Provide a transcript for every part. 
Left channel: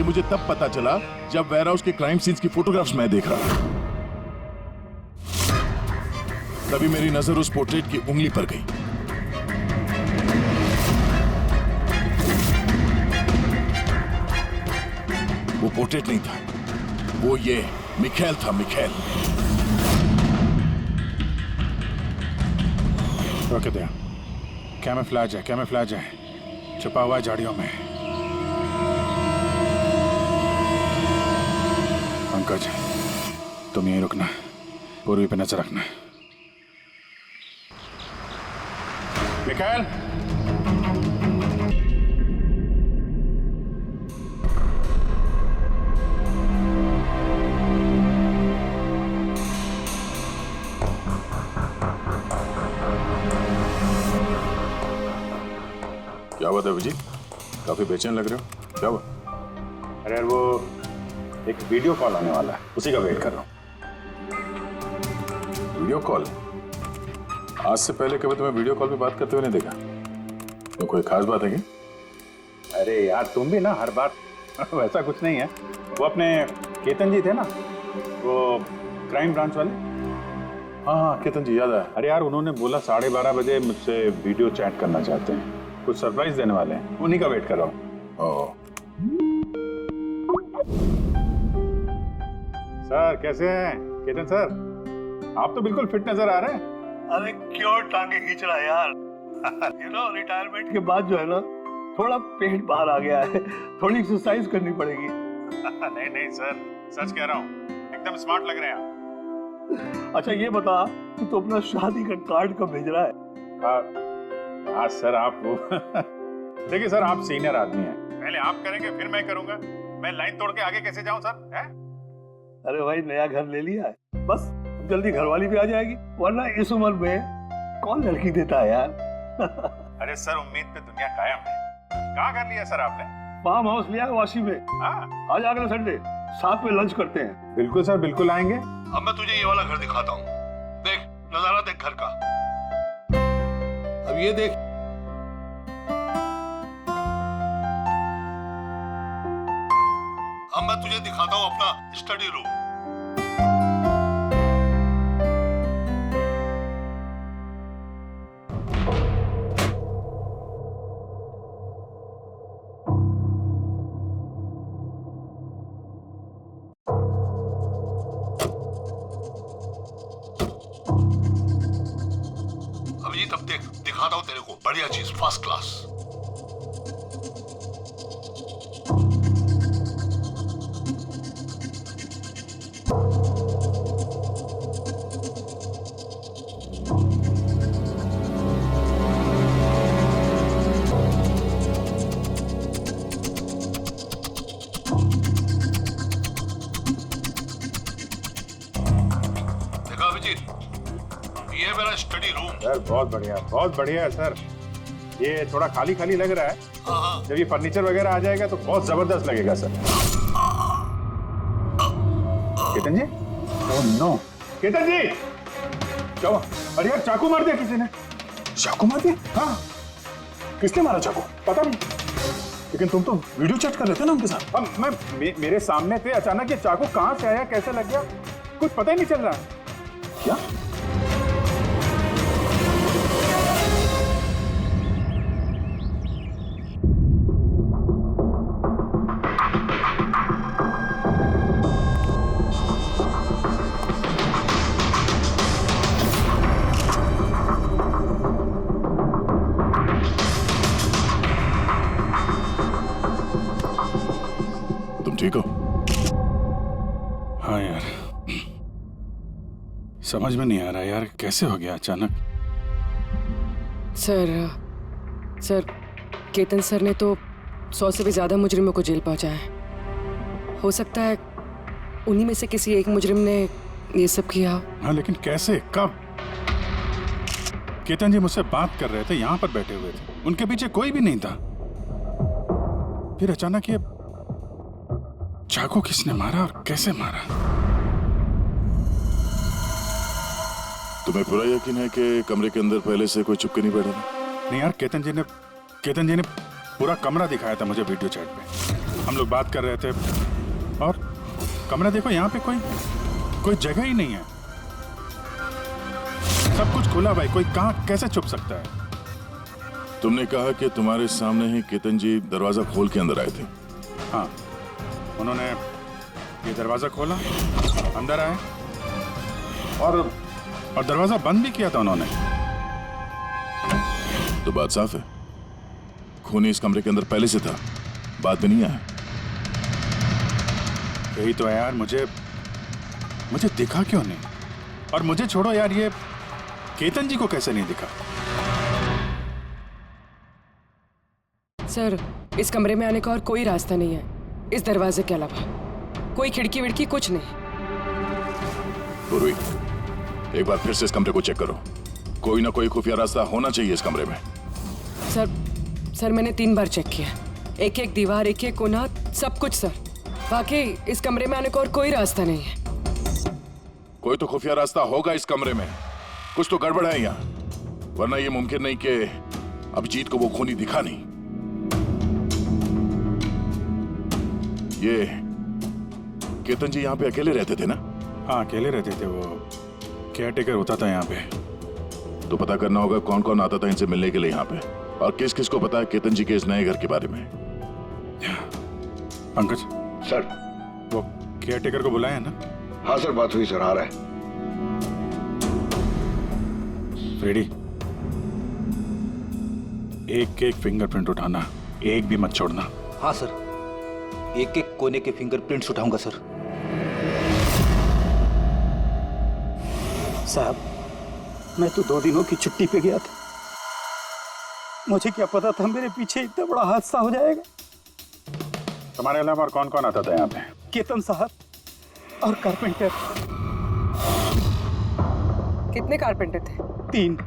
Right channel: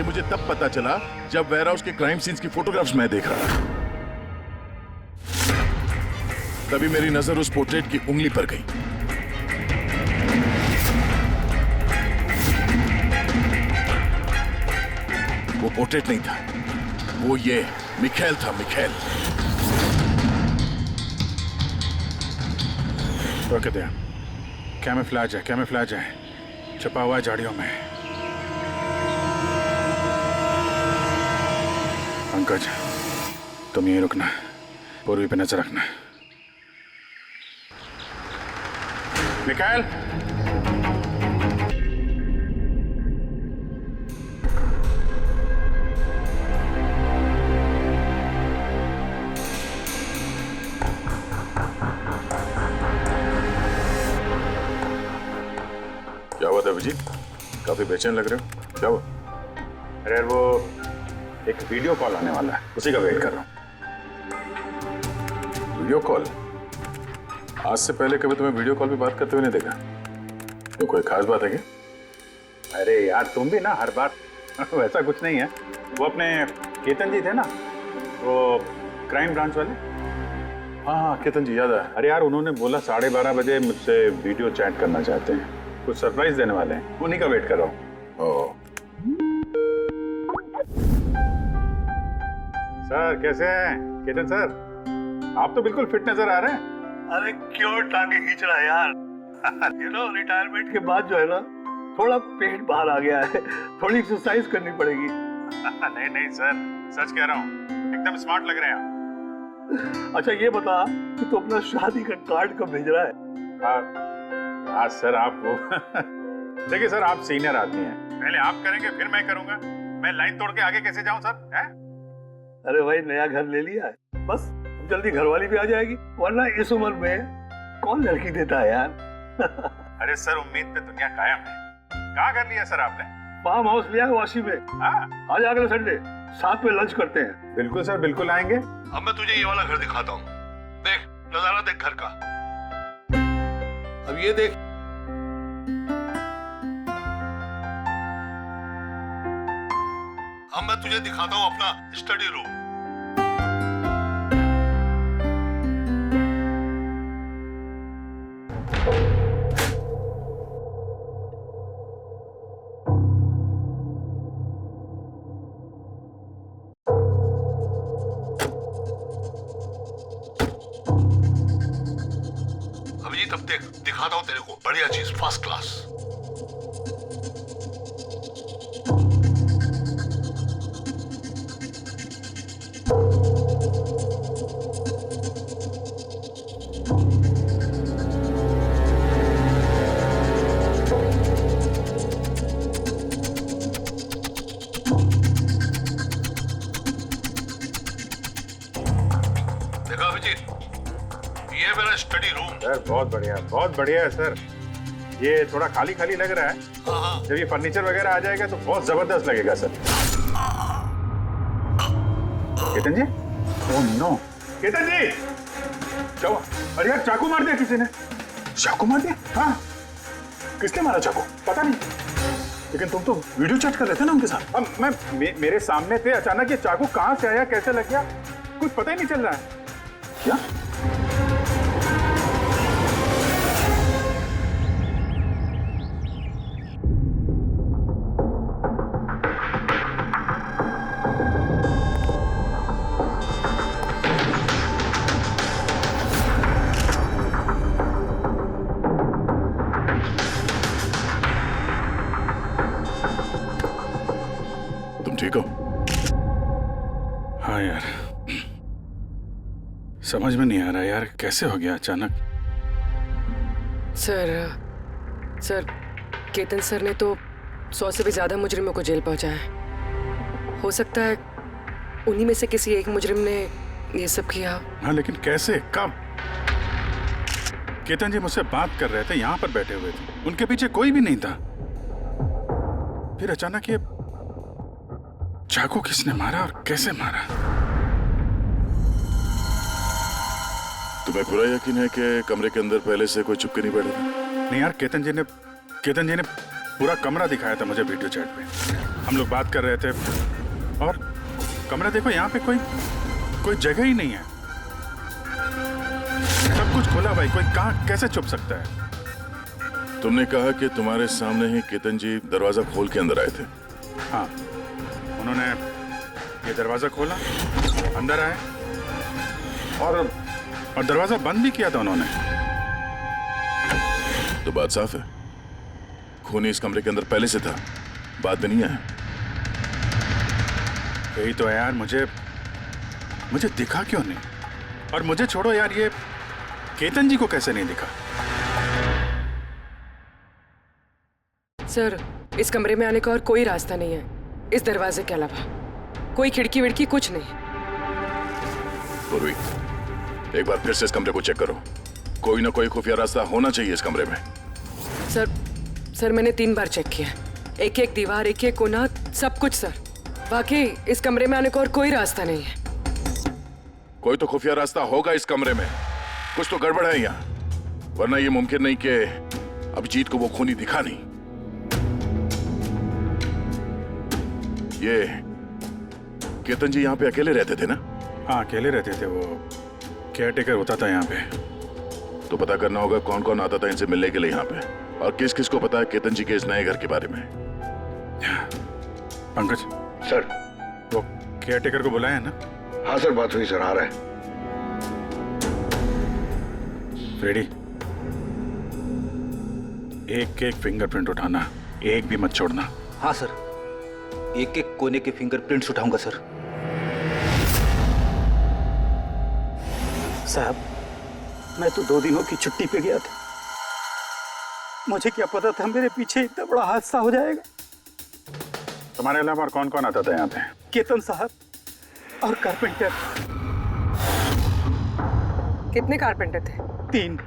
ये मुझे तब पता चला जब वेयरहाउस के क्राइम सीन्स की फोटोग्राफ्स मैं देख रहा था। तभी मेरी नजर उस पोर्ट्रेट की उंगली पर गई। वो पोर्ट्रेट नहीं था, वो ये मिखेल था, मिखेल। रोके दे। कैमोफ्लेज है, कैमोफ्लेज है, छुपा हुआ है झाड़ियों में। पंकज, तुम यहीं रुकना, पूर्वी पे नजर रखना। मिखेल, क्या हुआ था अभिजीत? काफी बेचैन लग रहे हो, क्या हुआ? अरे यार, वो एक वीडियो कॉल आने वाला है, उसी का वेट कर रहा हूँ। Video call? आज से पहले कभी तुम्हें वीडियो कॉल पे बात करते हुए नहीं देखा। तो कोई खास बात है क्या? अरे यार, तुम भी ना हर बार वैसा कुछ नहीं है। वो अपने केतन जी थे ना, वो क्राइम ब्रांच वाले। हाँ हाँ, केतन जी याद आया। अरे यार, उन्होंने बोला 12:30 बजे मुझसे वीडियो चैट करना चाहते हैं, कुछ सरप्राइज देने वाले हैं, उन्हीं का वेट कर रहा हूँ। सर कैसे हैं केतन सर? आप तो बिल्कुल फिट नजर आ रहे हैं। अरे क्यों टांगे खींच रहा है यार? रिटायरमेंट के बाद जो है ना, थोड़ा पेट बाहर आ गया है, थोड़ी एक्सरसाइज करनी पड़ेगी। नहीं नहीं सर, सच कह रहा हूँ, एकदम स्मार्ट लग रहे हैं आप। अच्छा ये बता कि तू अपना शादी का कार्ड कब भेज रहा है? हाँ सर, आप वो देखिए सर, आप सीनियर आदमी हैं, पहले आप करेंगे फिर मैं करूंगा। मैं लाइन तोड़ के आगे कैसे जाऊं सर? है? अरे भाई, नया घर ले लिया है, बस जल्दी घरवाली भी आ जाएगी, वरना इस उम्र में कौन लड़की देता है यार। अरे सर, उम्मीद पे दुनिया कायम है। कहाँ कर लिया सर आपने? फार्म हाउस लिया है वाशी में। हाँ, आज अगले संडे साथ में लंच करते हैं। बिल्कुल सर, बिल्कुल आएंगे। अब मैं तुझे ये वाला घर दिखाता हूँ, देख नजारा देख घर का। अब ये देख, अब मैं तुझे दिखाता हूँ अपना स्टडी रूम। अभिजीत, अब देख दिखाता हूँ तेरे को बढ़िया चीज, फर्स्ट क्लास। देखा अभिजीत, ये है मेरा स्टडी रूम। सर बहुत बढ़िया है सर। ये थोड़ा खाली खाली लग रहा है, जब ये फर्नीचर वगैरह आ जाएगा तो बहुत जबरदस्त लगेगा सर। केतन जी? ओह नो, केतन जी क्या हुआ? अरे यार, चाकू मार दिया किसी ने। चाकू मार दिया? हाँ, किसने मारा चाकू? पता नहीं। लेकिन तुम तो वीडियो चैट कर रहे थे ना उनके साथ। अब मेरे सामने थे, अचानक ये चाकू कहाँ से आया, कैसे लग गया, कुछ पता ही नहीं चल रहा है। क्या? तुम ठीक हो? हाँ यार, समझ में नहीं आ रहा यार, कैसे हो गया अचानक। सर केतन सर ने तो 100 से भी ज्यादा मुजरिमों को जेल पहुंचाया है। हो सकता है उन्हीं में से किसी एक मुजरिम ने ये सब किया। हाँ, लेकिन कैसे, कब? केतन जी मुझसे बात कर रहे थे, यहाँ पर बैठे हुए थे, उनके पीछे कोई भी नहीं था। फिर अचानक ये चाकू किसने मारा और कैसे मारा? तुम्हें पूरा यकीन है कि कमरे के अंदर पहले से कोई चुपके नहीं बैठा था? नहीं यार, केतन जी ने पूरा कमरा दिखाया था मुझे वीडियो चैट पे। हम लोग बात कर रहे थे और कमरा देखो, यहाँ पे कोई जगह ही नहीं है। सब कुछ खुला भाई, कोई कहाँ कैसे छुप सकता है? तुमने कहा कि तुम्हारे सामने ही केतन जी दरवाजा खोल के अंदर आए थे। हाँ, उन्होंने ये दरवाजा खोला, अंदर आए और दरवाजा बंद भी किया था उन्होंने। तो बात साफ है, खूनी इस कमरे के अंदर पहले से था, बाद में नहीं आया। यही तो है यार, मुझे दिखा क्यों नहीं? और मुझे छोड़ो यार, ये केतन जी को कैसे नहीं दिखा? सर, इस कमरे में आने का और कोई रास्ता नहीं है इस दरवाजे के अलावा। कोई खिड़की विड़की कुछ नहीं। पूर्वी, एक बार फिर से इस कमरे को चेक करो। कोई ना कोई खुफिया रास्ता होना चाहिए इस कमरे में। सर मैंने 3 बार चेक किया, एक एक दीवार, एक एक कोना, सब कुछ सर। वाकई इस कमरे में आने का और कोई रास्ता नहीं है। कोई तो खुफिया रास्ता होगा इस कमरे में, कुछ तो गड़बड़ है यहाँ, वरना ये मुमकिन नहीं कि अभिजीत को वो खूनी दिखा नहीं। ये केतन जी यहाँ पे अकेले रहते थे ना? हाँ, अकेले रहते थे, वो केयर टेकर होता था यहाँ पे। तो पता करना होगा कौन कौन आता था इनसे मिलने के लिए यहाँ पे, और किस किस को पता है केतन जी के इस नए घर के बारे में। पंकज सर। वो केयर टेकर को बुलाया है ना? हाँ सर, बात हुई सर, आ रहा है। फ्रेडी, एक एक फिंगरप्रिंट उठाना, एक भी मत छोड़ना। हाँ सर, एक एक कोने के फिंगरप्रिंट्स उठाऊंगा सर। साहब, मैं तो 2 दिनों की छुट्टी पे गया था। मुझे क्या पता था मेरे पीछे इतना बड़ा हादसा हो जाएगा। तुम्हारे अलावा और कौन कौन आता था यहाँ पे? केतन साहब और कारपेंटर। कितने कारपेंटर थे? 3।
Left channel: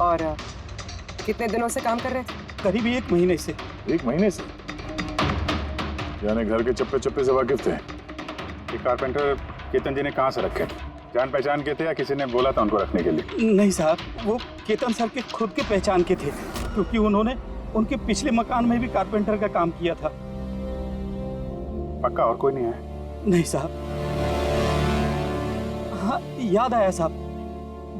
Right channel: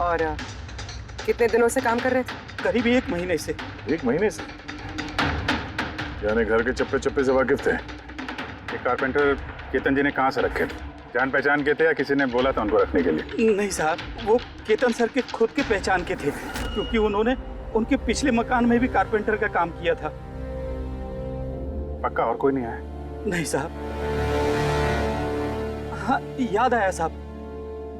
और कितने दिनों से काम कर रहे थे? करीब 1 महीने से। 1 महीने से? यानी घर के चप्पे चप्पे से वाकिफ थे। ये कारपेंटर केतन जी ने कहाँ से रखे थे? जान पहचान के थे या किसी ने बोला था उनको रखने के लिए? नहीं साहब, वो केतन सर के खुद के पहचान के थे, क्योंकि उन्होंने उनके पिछले मकान में भी कारपेंटर का काम किया था। पक्का और कोई नहीं आया? नहीं साहब। हाँ, याद आया साहब,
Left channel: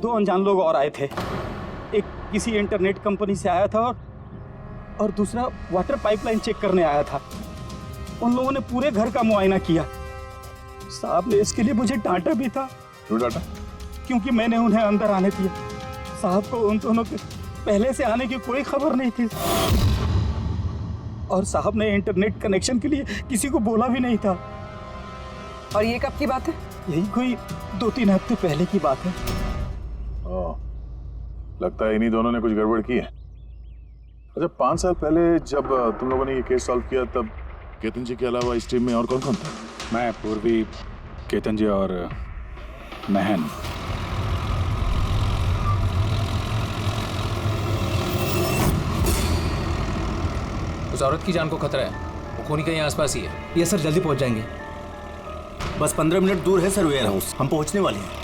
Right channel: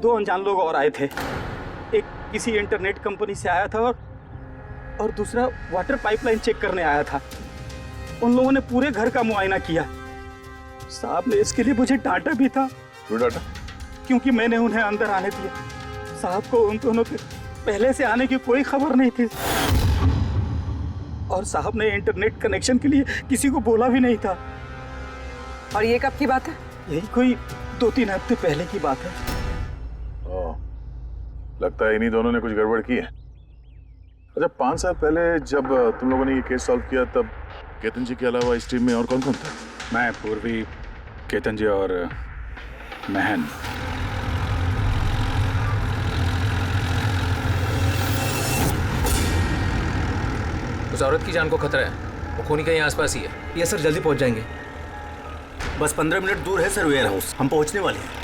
2 अनजान लोग और आए थे। एक किसी इंटरनेट कंपनी से आया था और दूसरा वाटर पाइपलाइन चेक करने आया था। उन लोगों ने पूरे घर का मुआयना किया। साहब ने इसके लिए मुझे डांटा भी था। क्यों डांटा? क्योंकि मैंने उन्हें अंदर आने दिया। साहब को उन दोनों के पहले से आने की कोई खबर नहीं थी, और साहब ने इंटरनेट कनेक्शन के लिए किसी को बोला भी नहीं था। और ये कब की बात है? यही कोई 2-3 हफ्ते पहले की बात है। लगता है इन्हीं दोनों ने कुछ गड़बड़ की है। अच्छा, 5 साल पहले जब तुम लोगों ने ये केस सॉल्व किया, तब केतन जी के अलावा इस टीम में और कौन कौन था? मैं, पूर्वी, केतन जी और महन। उस औरत की जान को खतरा है, वो खूनी कहीं आसपास ही है। ये सर, जल्दी पहुंच जाएंगे। बस 15 मिनट दूर है सर वेयर हाउस, हम पहुंचने वाले हैं।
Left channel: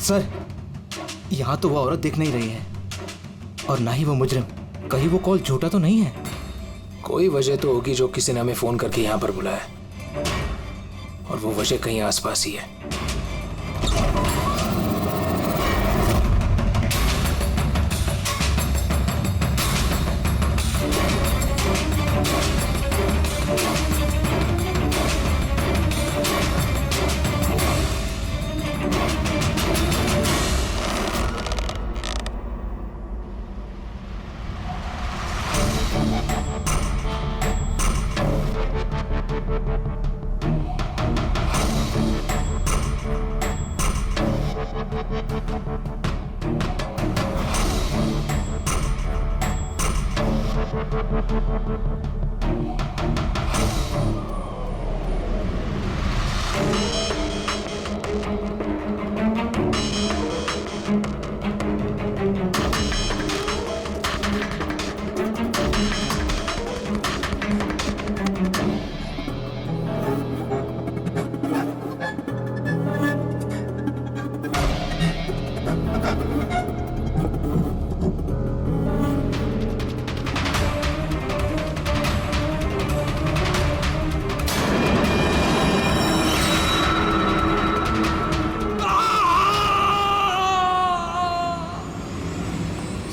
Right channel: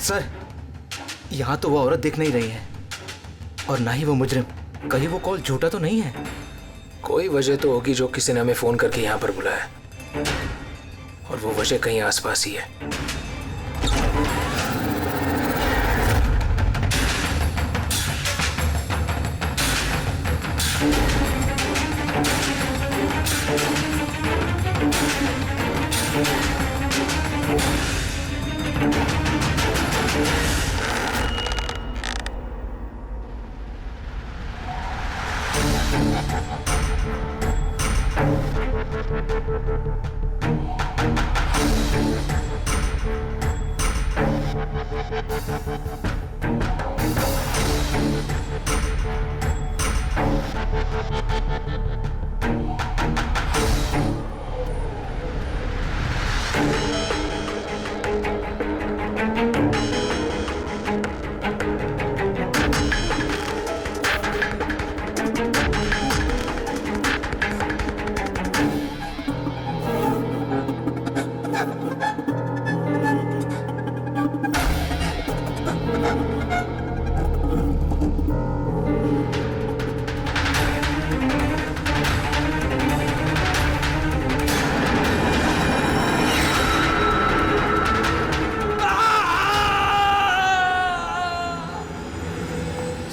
सर, यहाँ तो वो औरत दिख नहीं रही है, और ना ही वो मुजरिम। कहीं वो कॉल झूठा तो नहीं है? कोई वजह तो होगी जो किसी ने हमें फोन करके यहाँ पर बुलाया, और वो वजह कहीं आसपास ही है।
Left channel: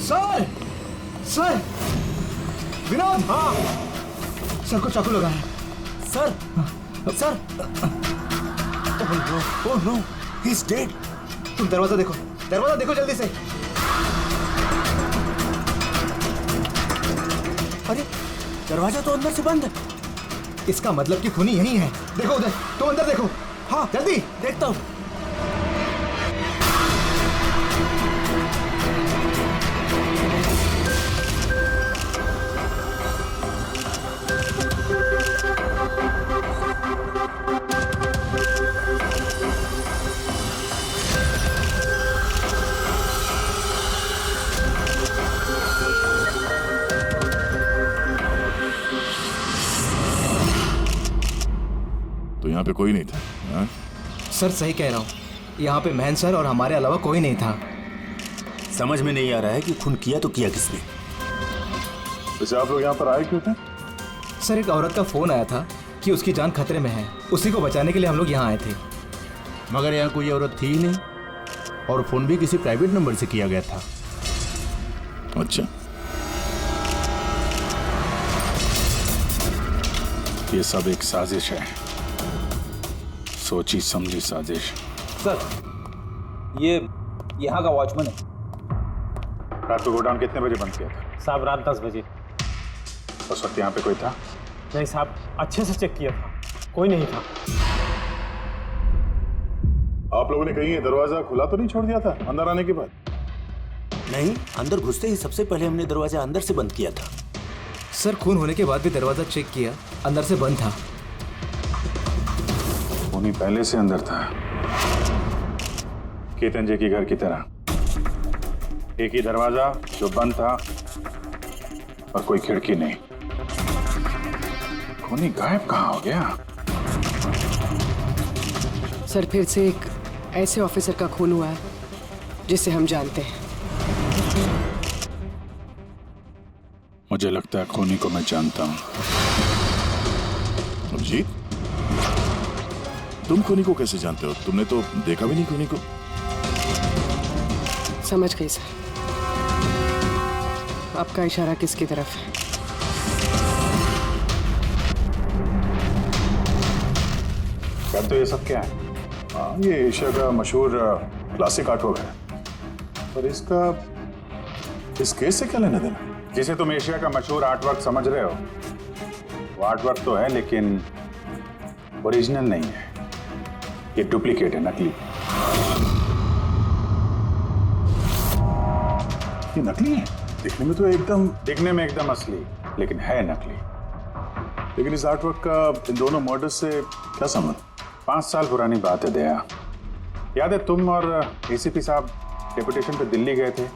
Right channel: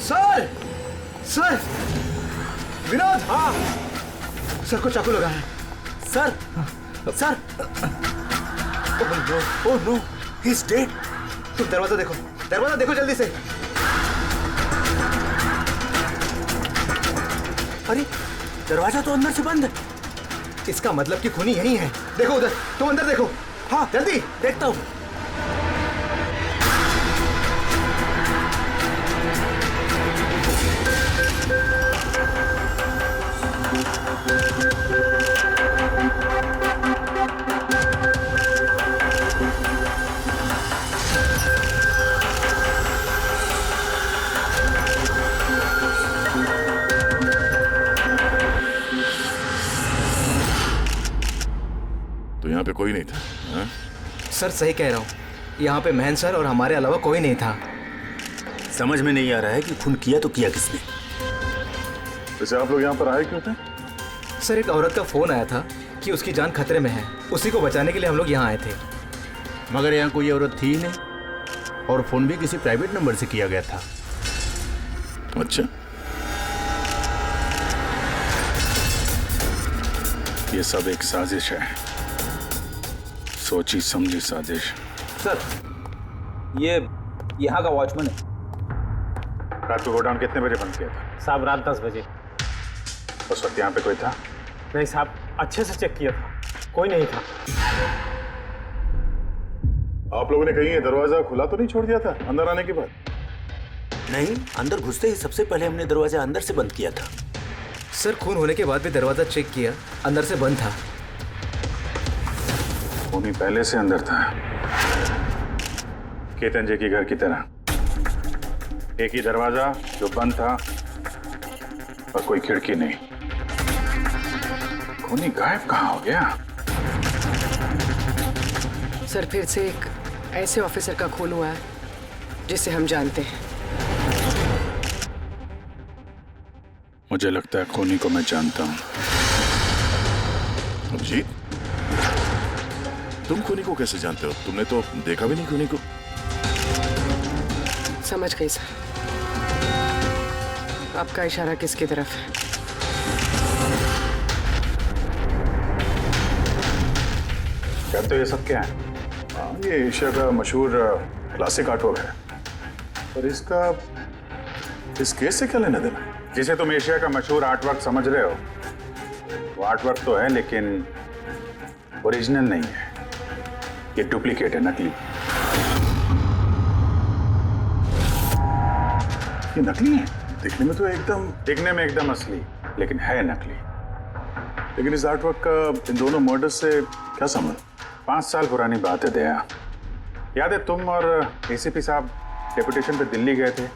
Sir sir Vinod. हाँ सर को चाकू लगा है। Sir sir oh no he is dead. तुम दरवाजा देखो जल्दी से। अरे दरवाजा तो अंदर से बंद है। इसका मतलब कि खूनी यही है। देखो उधर, तुम अंदर देखो। हाँ जल्दी। देखता हूँ। तो यहाँ पे कोई नहीं था? हाँ? सर सही कह रहा हूँ, यहाँ पे महन सर और हमारे अलावा कोई नहीं था। समझ में नहीं आ रहा है कि खून किया तो किया किसने। वैसे आप लोग यहाँ पर आए क्यों थे? सर एक औरत का फोन आया था कि उसकी जान खतरे में है, उसी को बचाने के लिए हम लोग यहाँ आए थे। मगर यहाँ कोई औरत थी ही नहीं और फोन भी किसी प्राइवेट नंबर से किया गया था। अच्छा, ये सब एक साजिश है, सोची समझी साजिश। सर ये यहाँ का वॉचमैन है। रात को गोडाउन कितने बजे बंद किया था? साहब रात 10 बजे। उस वक्त यहाँ पे कोई था? नहीं साहब, अच्छे से चेक किया था, कोई नहीं था। आप लोगों ने कहीं ये दरवाजा खुला तो नहीं छोड़ दिया था अंदर आने के बाद? नहीं, अंदर घुसते ही सबसे पहले हमने दरवाजा अंदर से बंद किया था। सर खून होने के बाद भी दरवाजा चेक किया, अंदर से बंद था। खूनी पहले से अंदर था, केतन जी के घर की तरह। एक ही दरवाजा जो बंद था और कोई खिड़की नहीं। खूनी गायब कहाँ हो गया? सर फिर से एक ऐसे ऑफिसर का खून हुआ है जिसे हम जानते हैं। मुझे लगता है खूनी को मैं जानता हूं। अभिजीत, तुम खूनी को कैसे जानते हो? तुमने तो देखा भी नहीं खूनी को। समझ गई सर, आपका इशारा किसकी तरफ है? कहते तो ये सब क्या है? ये एशिया का मशहूर क्लासिक आर्टवर्क है, पर इसका इस केस से क्या लेना देना? जिसे तुम एशिया का मशहूर आर्टवर्क समझ रहे हो, वो आर्टवर्क तो है लेकिन ओरिजिनल नहीं है। ये डुप्लीकेट है, नकली। ये नकली है? दिखने में तो एकदम असली, लेकिन है नकली। लेकिन इस आर्टवर्क का इन दोनों मर्डर्स से क्या संबंध? 5 साल पुरानी बात है दया। याद है तुम और एसीपी साहब डेपुटेशन पे दिल्ली गए थे?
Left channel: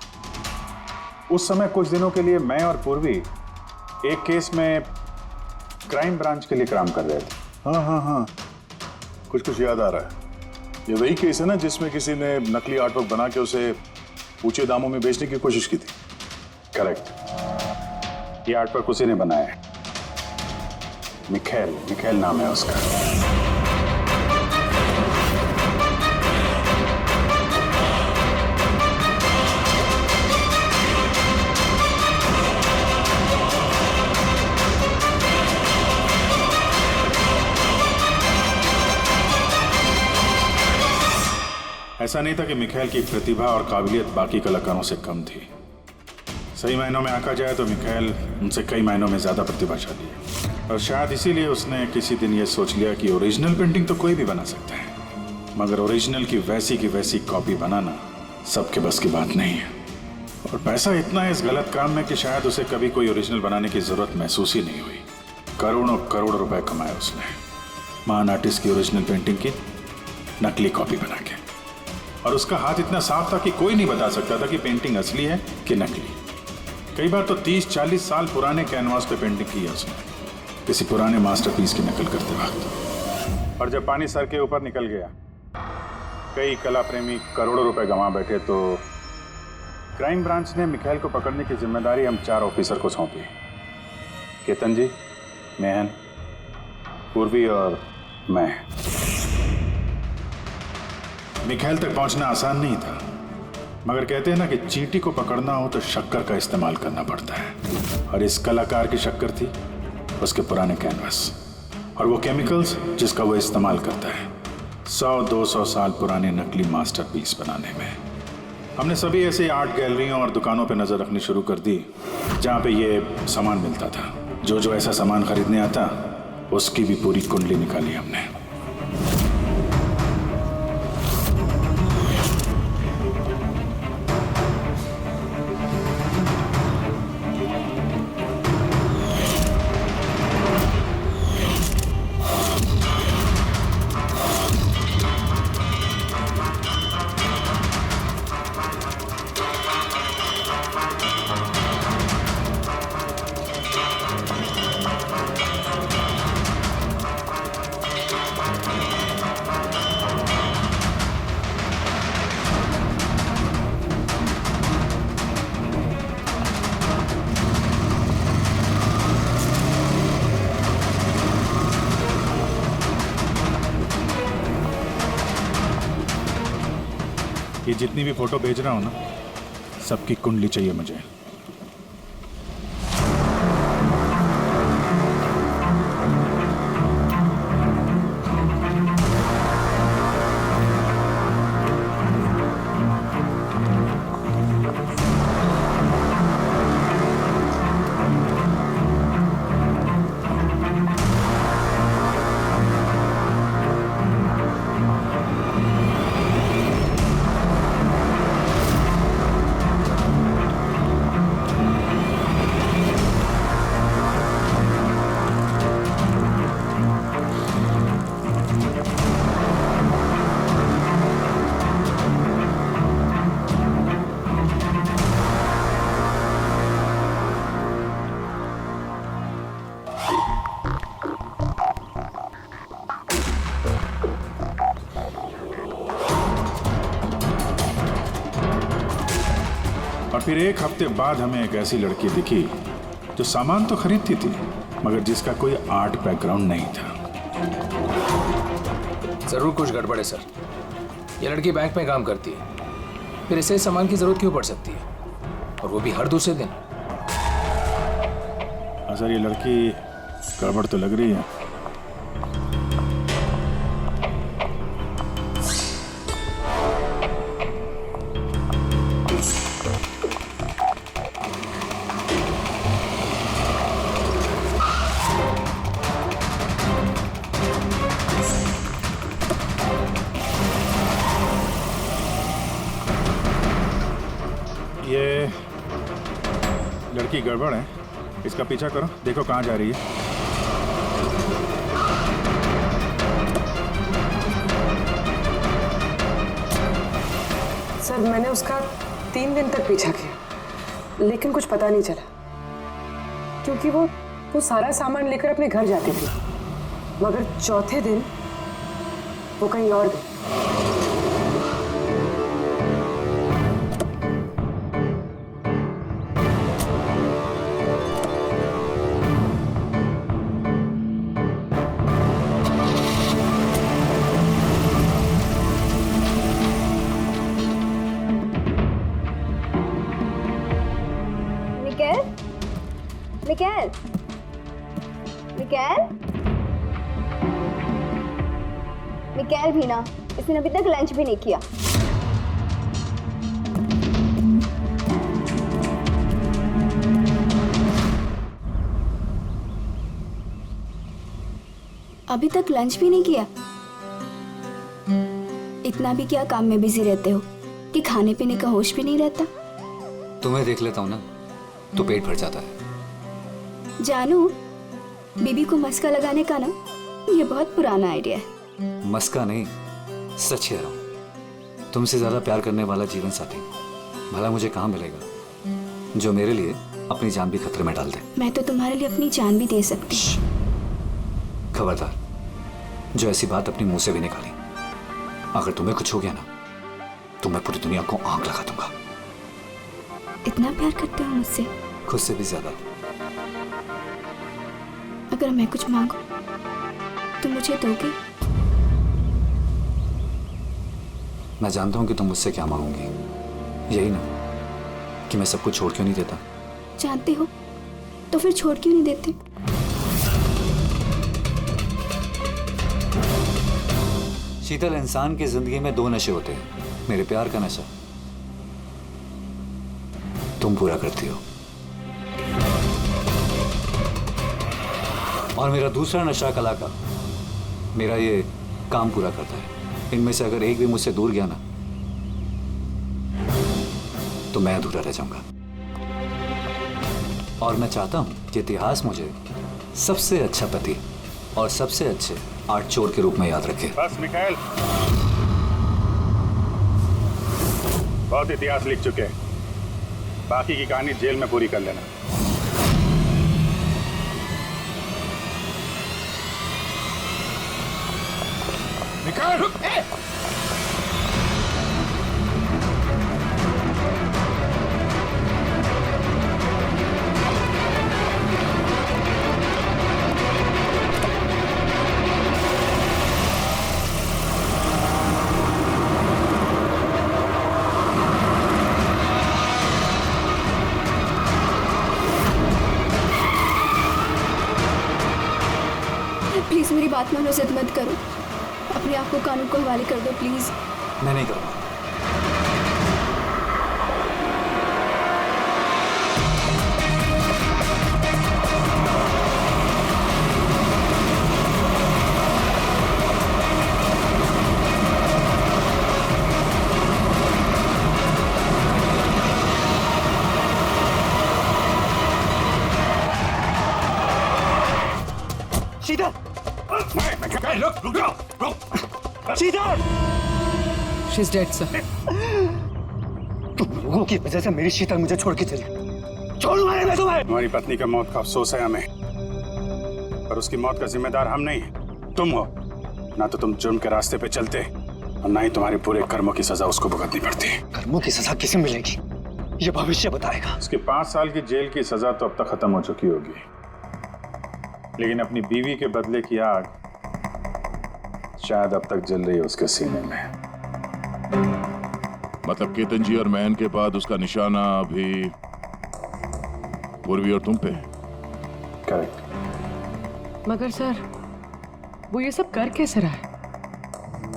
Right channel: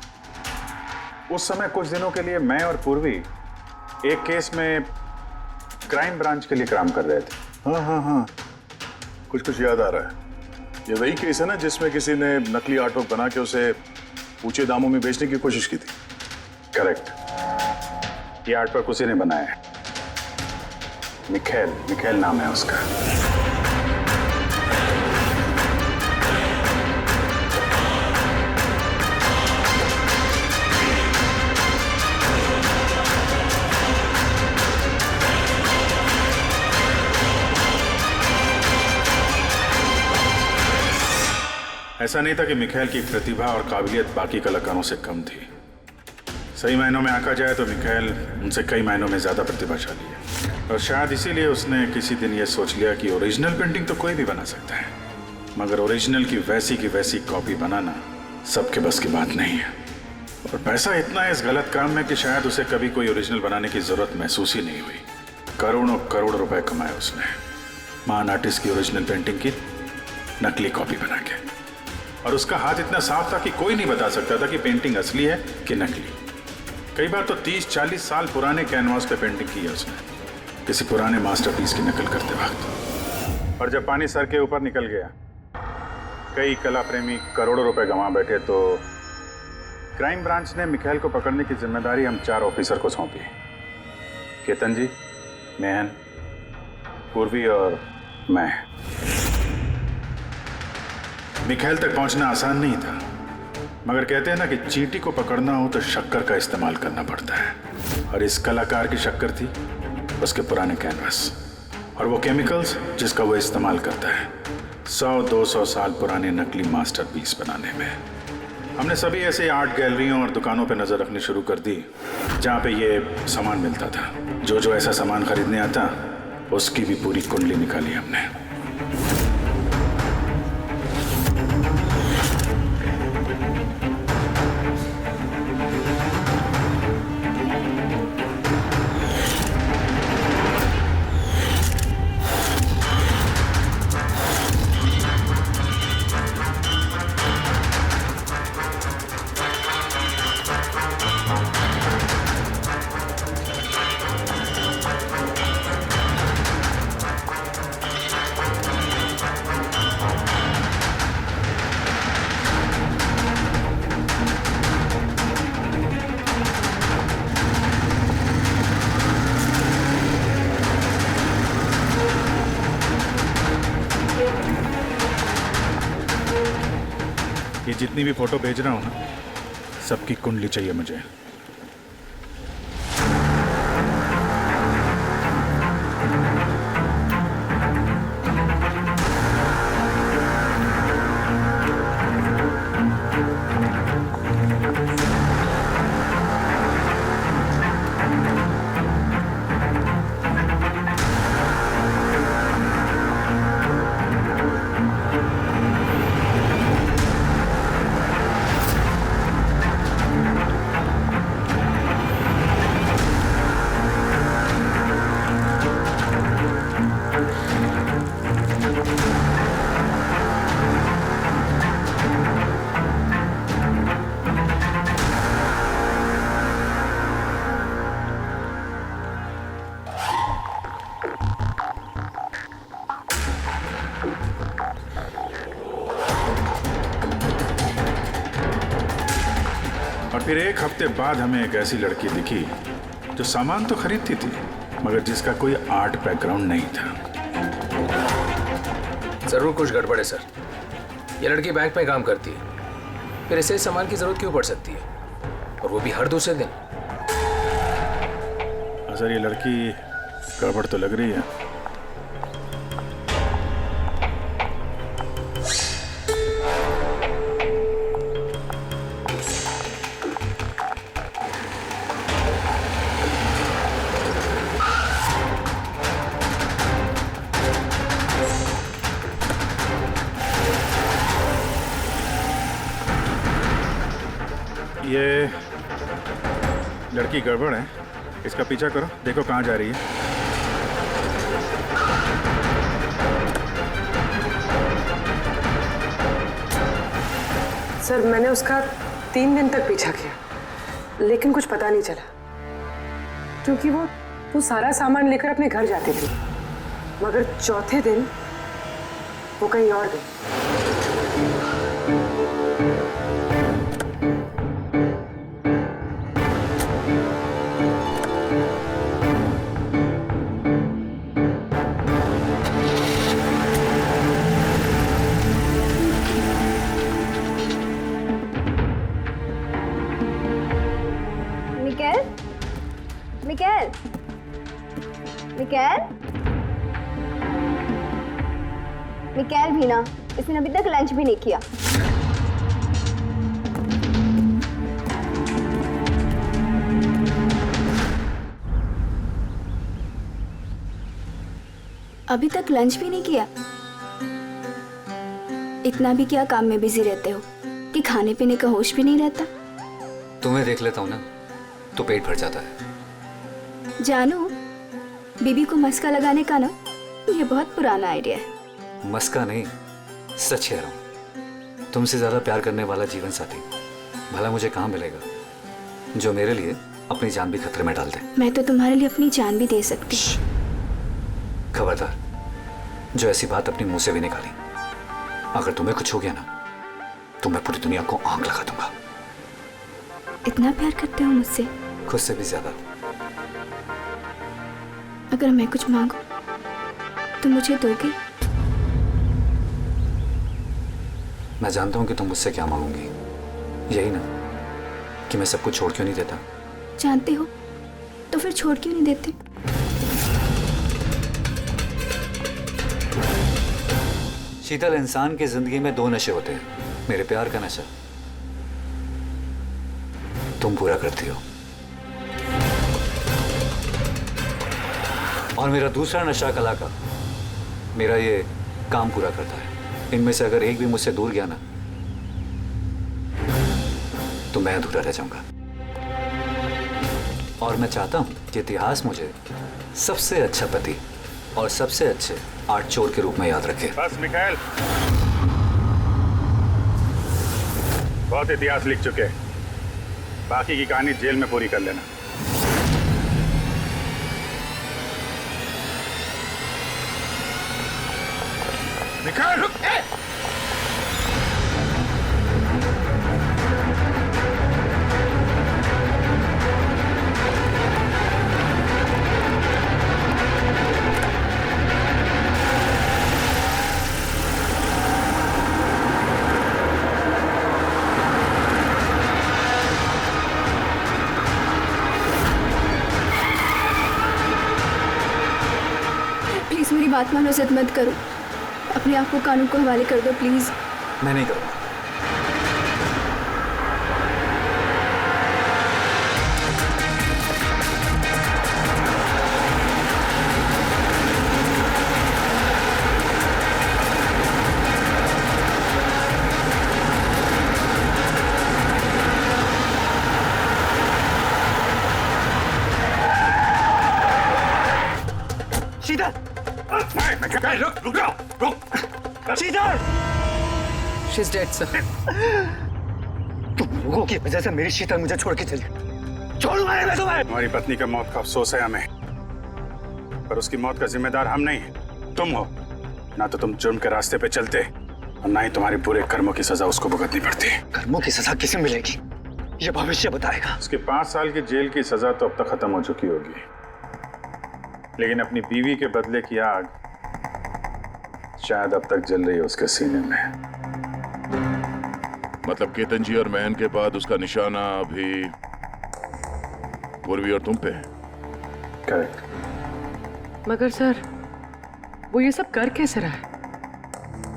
उस समय कुछ दिनों के लिए मैं और पूर्वी एक केस में क्राइम ब्रांच के लिए काम कर रहे थे। हाँ, कुछ याद आ रहा है। ये वही केस है ना जिसमें किसी ने नकली आर्टवर्क बना के उसे ऊंचे दामों में बेचने की कोशिश की थी? करेक्ट। ये आर्टवर्क उसी ने बनाया है। मिखेल नाम है उसका। ऐसा नहीं था कि मिखेल की प्रतिभा और काबिलियत बाकी कलाकारों से कम थी। सही मायनों में आंका जाए तो मिखाइल उनसे कई मायनों में ज्यादा प्रतिभाशाली है, और शायद इसीलिए उसने किसी दिन ये सोच लिया कि ओरिजिनल पेंटिंग तो कोई भी बना सकता है, मगर ओरिजिनल की वैसी कॉपी बनाना सबके बस की बात नहीं है। और पैसा इतना है इस गलत काम में कि शायद उसे कभी कोई ओरिजिनल बनाने की जरूरत महसूस ही नहीं हुई। करोड़ों करोड़ रुपए कमाए उसने महान आर्टिस्ट की ओरिजिनल पेंटिंग की नकली कॉपी बना के, और उसका हाथ इतना साफ था कि कोई नहीं बता सकता था कि पेंटिंग असली है कि नकली। कई बार तो 30-40 साल पुराने कैनवास पे पेंटिंग की है उसने, किसी पुराने मास्टरपीस की नकल करते वक्त। और जब पानी सर के ऊपर निकल गया, कई कला प्रेमी करोड़ों रुपए गंवा बैठे, तो क्राइम ब्रांच ने मिखाइल को पकड़ने की जिम्मेदारी हम 4 ऑफिसर को सौंपी। केतन जी, मेहन, पूर्वी और मैं। मिखाइल तक पहुंचना आसान नहीं था, मगर कहते हैं ना कि चींटी को पकड़ना हो तो शक्कर का इस्तेमाल करना पड़ता है, और इस कलाकार की शक्कर थी उसके पुराने कैनवास और वो केमिकल्स जिसका वो इस्तेमाल करता है 100-200 साल पुराने नकली मास्टरपीस बनाने में। हमने सभी ऐसे आर्ट गैलरियों और दुकानों पर नजर रखनी शुरू कर दी जहां पे ये सामान मिलता था। जो ऐसा सामान खरीदने आता उसकी भी पूरी कुंडली निकाली हमने। ये जितनी भी फोटो भेज रहा हूं ना, सबकी कुंडली चाहिए मुझे। और फिर एक हफ्ते बाद हमें एक ऐसी लड़की दिखी जो सामान तो खरीदती थी, मगर जिसका कोई आर्ट बैकग्राउंड नहीं था। जरूर कुछ गड़बड़ है सर। ये लड़की बैंक में काम करती है, फिर ऐसे सामान की जरूरत क्यों पड़ सकती है, और वो भी हर दूसरे दिन। सर, ये लड़की गड़बड़ तो लग रही है। ये लड़की गड़बड़ है, इसका पीछा करो, देखो कहाँ जा रही है। सर, मैंने उसका 3 दिन तक पीछा किया, लेकिन कुछ पता नहीं चला, क्योंकि वो सारा सामान लेकर अपने घर जाती थी, मगर चौथे दिन वो कहीं और गई। मिकाएल, मिकाएल, मिकाएल भी ना, इसने अभी तक लंच भी नहीं किया। अभी तक लंच भी नहीं किया? इतना भी क्या काम में बिजी रहते हो कि खाने पीने का होश भी नहीं रहता? तुम्हें देख लेता हूँ ना तो पेट भर जाता है। जानू, बीबी को मस्का लगाने का ना ये बहुत पुराना आइडिया है। मस्का नहीं, सच कह रहा हूँ। तुमसे ज्यादा प्यार करने वाला जीवन साथी भला मुझे कहाँ मिलेगा जो मेरे लिए अपनी जान भी खतरे में डाल दे। मैं तो तुम्हारे लिए अपनी जान भी दे सकती। खबरदार, जो ऐसी बात अपने मुंह से भी निकाली। अगर तुम्हें कुछ हो गया ना तो मैं पूरी दुनिया को आग लगा दूंगा। इतना प्यार करते हो मुझसे? खुद से भी ज्यादा। अगर मैं कुछ मांगू तो मुझे दोगे? मैं जानता हूं कि तुम मुझसे क्या मांगोगी। यही ना कि मैं सब कुछ छोड़ क्यों नहीं देता। जानते हो तो फिर छोड़ क्यों नहीं देते? शीतल, इंसान की जिंदगी में 2 नशे होते हैं। मेरे प्यार का नशा तुम पूरा करती हो, और मेरा दूसरा नशा कला का। मेरा ये काम पूरा करता है। इनमें से अगर एक भी मुझसे दूर गया ना तो मैं अधूरा रह जाऊंगा। और मैं चाहता हूं कि इतिहास मुझे सबसे अच्छा पति और सबसे अच्छे आर्ट चोर के रूप में याद रखे। बस मिखाइल, बहुत इतिहास लिख चुके हैं। बाकी की कहानी जेल में पूरी कर लेना। मिखाइल, रुक! प्लीज मेरी बात मानो, जिद मत करो। अपने आप को कानून को हवाले कर दो प्लीज। मैं नहीं करूंगा। शीतल! रुक जाओ, रुक! शीतल! She's dead, sir. तुम लोगों की वजह से मेरी शीतल मुझे छोड़ के चली। छोड़ूंगा नहीं मैं तुम्हें। तुम्हारी पत्नी का मौत का अफसोस है हमें, पर उसकी मौत का जिम्मेदार हम नहीं, तुम हो। ना तो तुम जुर्म के रास्ते पे चलते और ना ही तुम्हारे बुरे कर्मों की सजा उसको भुगतनी पड़ती। कर्मों की सजा किसे मिलेगी ये भविष्य बताएगा। उसकी 5 साल की जेल की सजा तो अब तक खत्म हो चुकी होगी, लेकिन अपनी बीवी के बदले की आग शायद अब तक जल रही है उसके सीने में। मतलब केतन जी और महन के बाद उसका निशाना अभी पूर्वी और तुम पे है। करेक्ट। मगर सर, वो ये सब कर कैसे रहा है?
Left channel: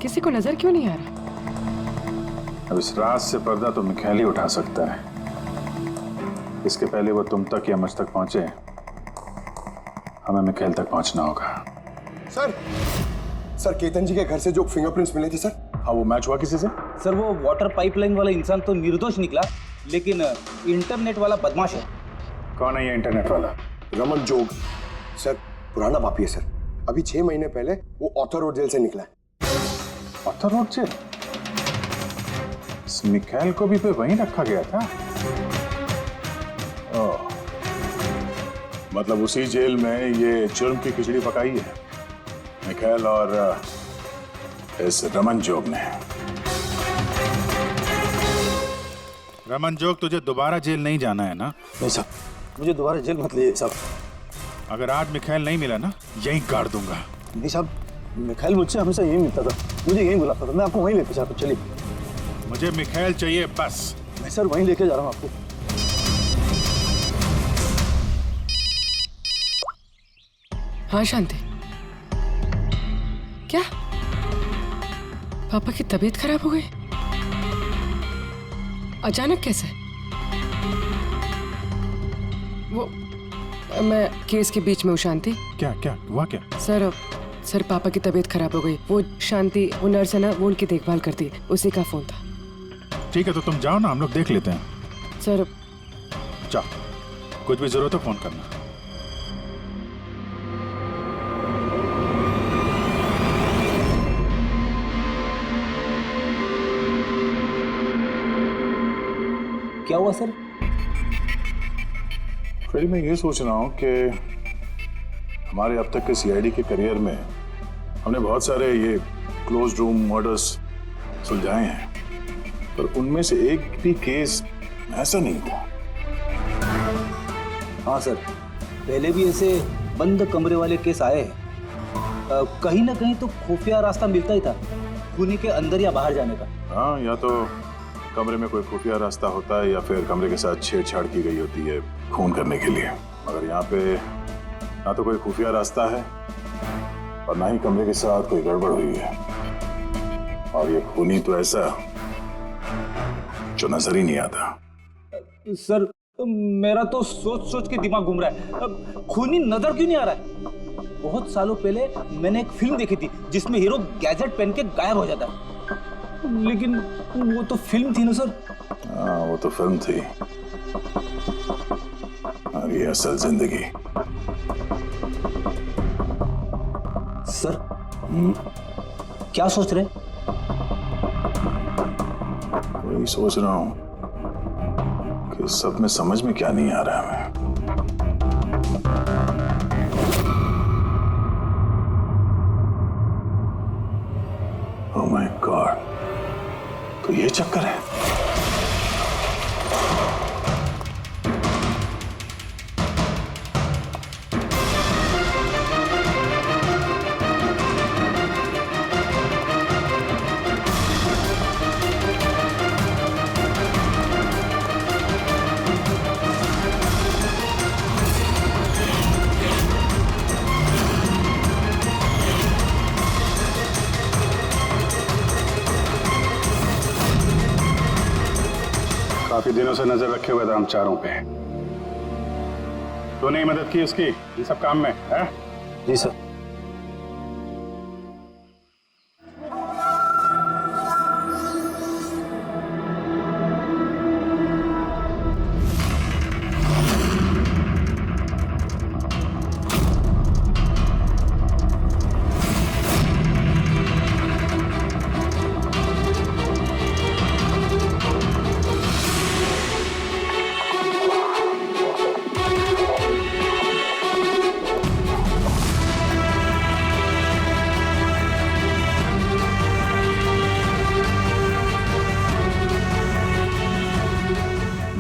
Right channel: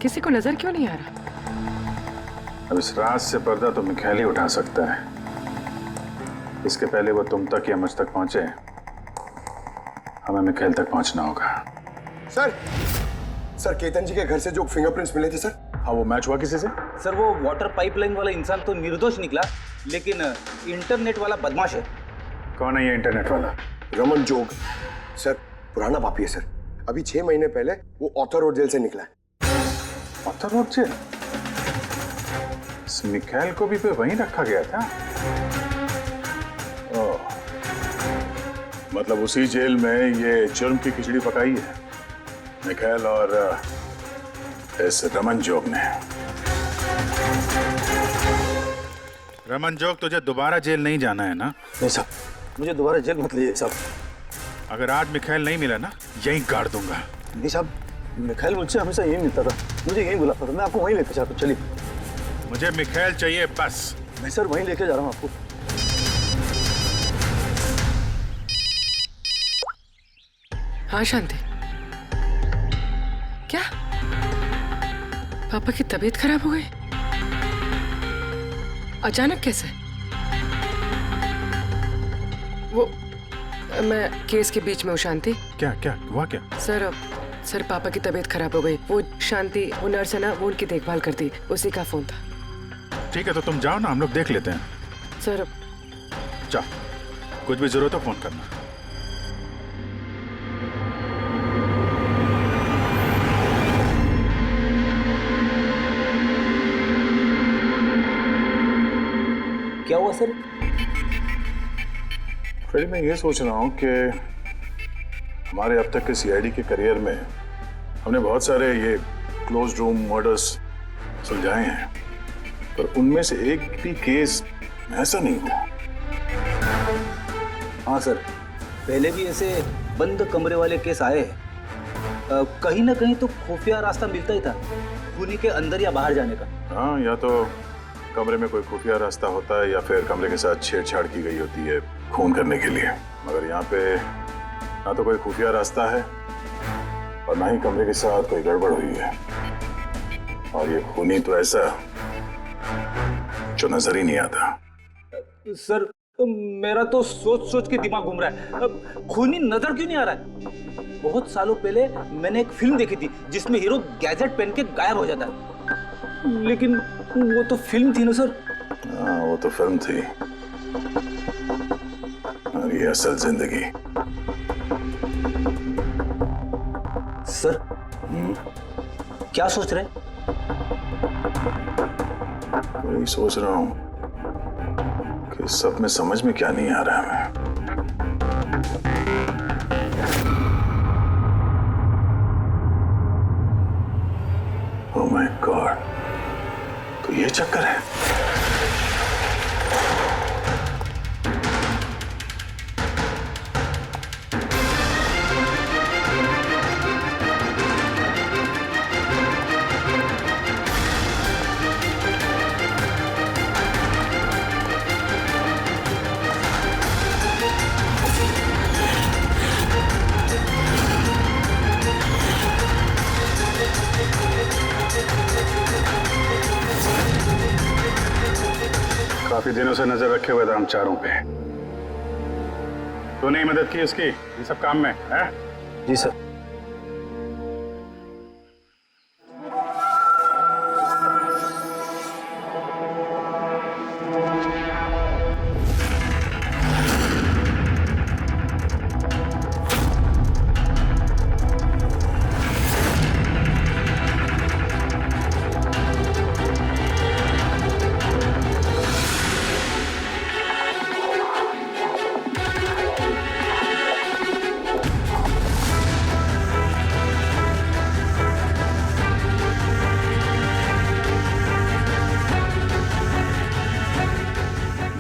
किसी को नजर क्यों नहीं आ रहा? अब इस राज से पर्दा तो मिखाइल ही उठा सकता है। इसके पहले वो तुम तक या मुझ तक पहुंचे, हमें मिखाइल तक पहुंचना होगा। सर केतन जी के घर से जो फिंगरप्रिंट्स मिले थे सर। हाँ, वो मैच हुआ किसी से? सर वो वाटर पाइपलाइन वाला इंसान तो निर्दोष निकला, लेकिन इंटरनेट वाला बदमाश है। कौन है ये इंटरनेट वाला? रमन जोग सर, पुराना पापी है सर। अभी 6 महीने पहले वो ऑथर रोड जेल से निकला है। ऑथर रोड जेल? इस मिखाइल को भी पे वहीं रखा गया था। ओह, मतलब उसी जेल में ये जुर्म की खिचड़ी पकाई है मिखाइल और इस रमन जोग ने। रमन जोग, तुझे दोबारा जेल नहीं जाना है ना? नहीं साहब, मुझे दोबारा जेल मत लीजिए साहब। अगर आज मिखाइल नहीं मिला ना, यहीं गाड़ दूंगा। नहीं साहब, मिखाइल मुझसे हमेशा यही मिलता था, मुझे यहीं बुलाता था। मैं आपको वहीं लेके जाता हूँ, चलिए। मुझे मिखाइल चाहिए बस। मैं सर वहीं लेके जा रहा हूँ आपको। हाँ शांति, क्या पापा की तबीयत खराब हो गई? अचानक कैसे? वो मैं केस के बीच में हूँ शांति। क्या क्या हुआ क्या? सर, सर पापा की तबीयत खराब हो गई। वो शांति, वो नर्स है ना, वो उनकी देखभाल करती, उसी का फोन था। ठीक है, तो तुम जाओ ना, हम लोग देख लेते हैं। सर जाओ, कुछ भी जरूरत हो फोन करना। क्या हुआ सर? फ्रेडी, मैं ये सोच रहा हूँ कि हमारे अब तक के सीआईडी के करियर में हमने बहुत सारे ये क्लोज रूम मर्डर्स सुलझाए हैं, पर उनमें से एक भी केस ऐसा नहीं था। हाँ सर, पहले भी ऐसे बंद कमरे वाले केस आए हैं। कहीं ना कहीं तो खुफिया रास्ता मिलता ही था खूनी के अंदर या बाहर जाने का। हाँ, या तो कमरे में कोई खुफिया रास्ता होता है या फिर कमरे के साथ छेड़छाड़ की गई होती है खून करने के लिए। मगर यहाँ पे ना तो कोई खुफिया रास्ता है और ना ही कमरे के साथ कोई गड़बड़ हुई है, और ये खूनी तो ऐसा जो नजर ही नहीं आता। सर मेरा तो सोच सोच के दिमाग घूम रहा है। खूनी नजर क्यों नहीं आ रहा है? बहुत सालों पहले मैंने एक फिल्म देखी थी जिसमें हीरो गैजेट पहन के गायब हो जाता है, लेकिन वो तो फिल्म थी ना सर। हाँ, वो तो फिल्म थी और ये असल जिंदगी। सर क्या सोच रहे? वही सोच रहा हूँ कि सब में समझ में क्या नहीं आ रहा है हमें। ओह माय गॉड, तो ये चक्कर है। काफी दिनों से नजर रखे हुए थे हम चारों पे। तूने ही मदद की उसकी इन सब काम में, है? जी सर।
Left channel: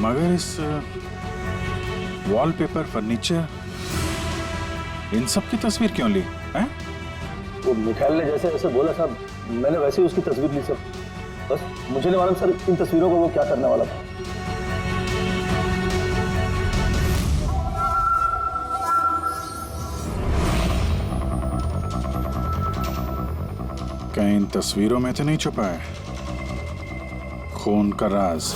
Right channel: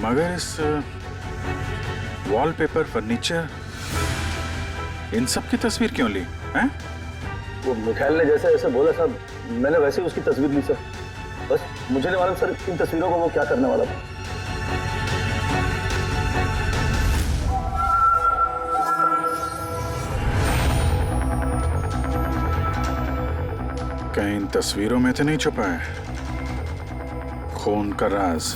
मगर इस वॉलपेपर, फर्नीचर, इन सब की तस्वीर क्यों ली, हैं? वो मिखाइल ने जैसे ऐसे बोला साहब, मैंने वैसे ही उसकी तस्वीर ली सर। बस मुझे नहीं मालूम सर इन तस्वीरों को वो क्या करने वाला था। कहीं इन तस्वीरों में तो नहीं छुपा है खून का राज?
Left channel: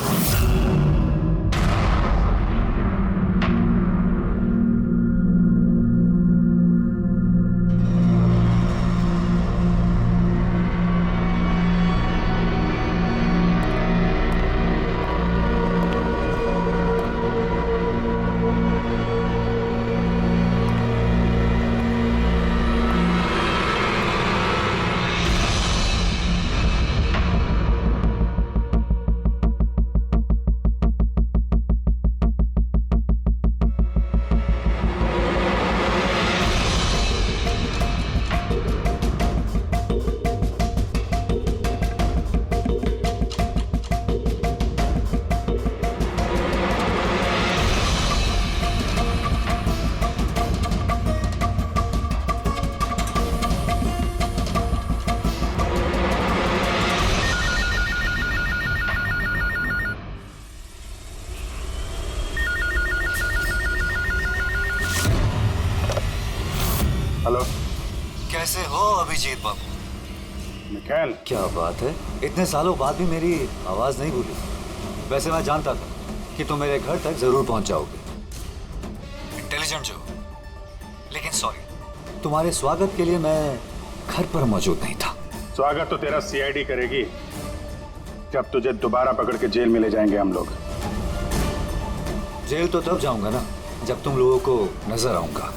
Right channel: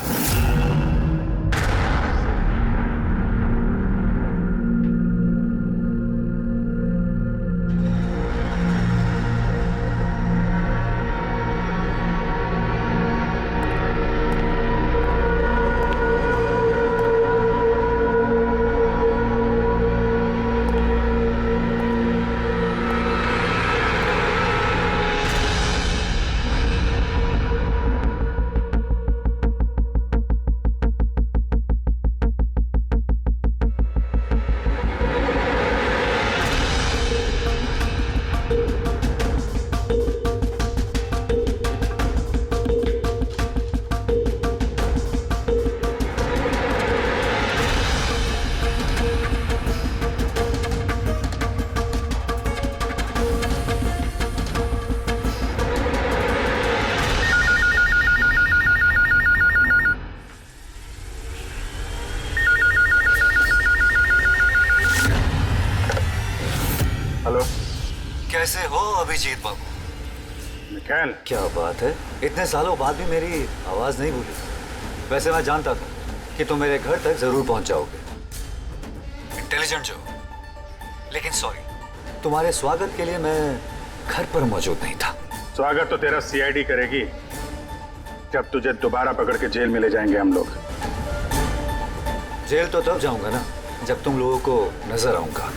हेलो, कैसे हो अभिजीत बाबू? मिखाइल, क्या बात है, इतने सालों बाद भी मेरी आवाज नहीं भूली। वैसे मैं जानता था कि तुम मेरे घर तक जरूर पहुंच जाओगे, इंटेलिजेंट जो। लेकिन सॉरी, तुम्हारे स्वागत के लिए मैं घर पर मौजूद नहीं था। स्वागत तो तेरा सीआईडी करेगी जब तुझे दोबारा पकड़ के जेल में ले जाएंगे हम लोग। जेल तो तब जाऊंगा ना जब तुम लोगों को नजर आऊंगा।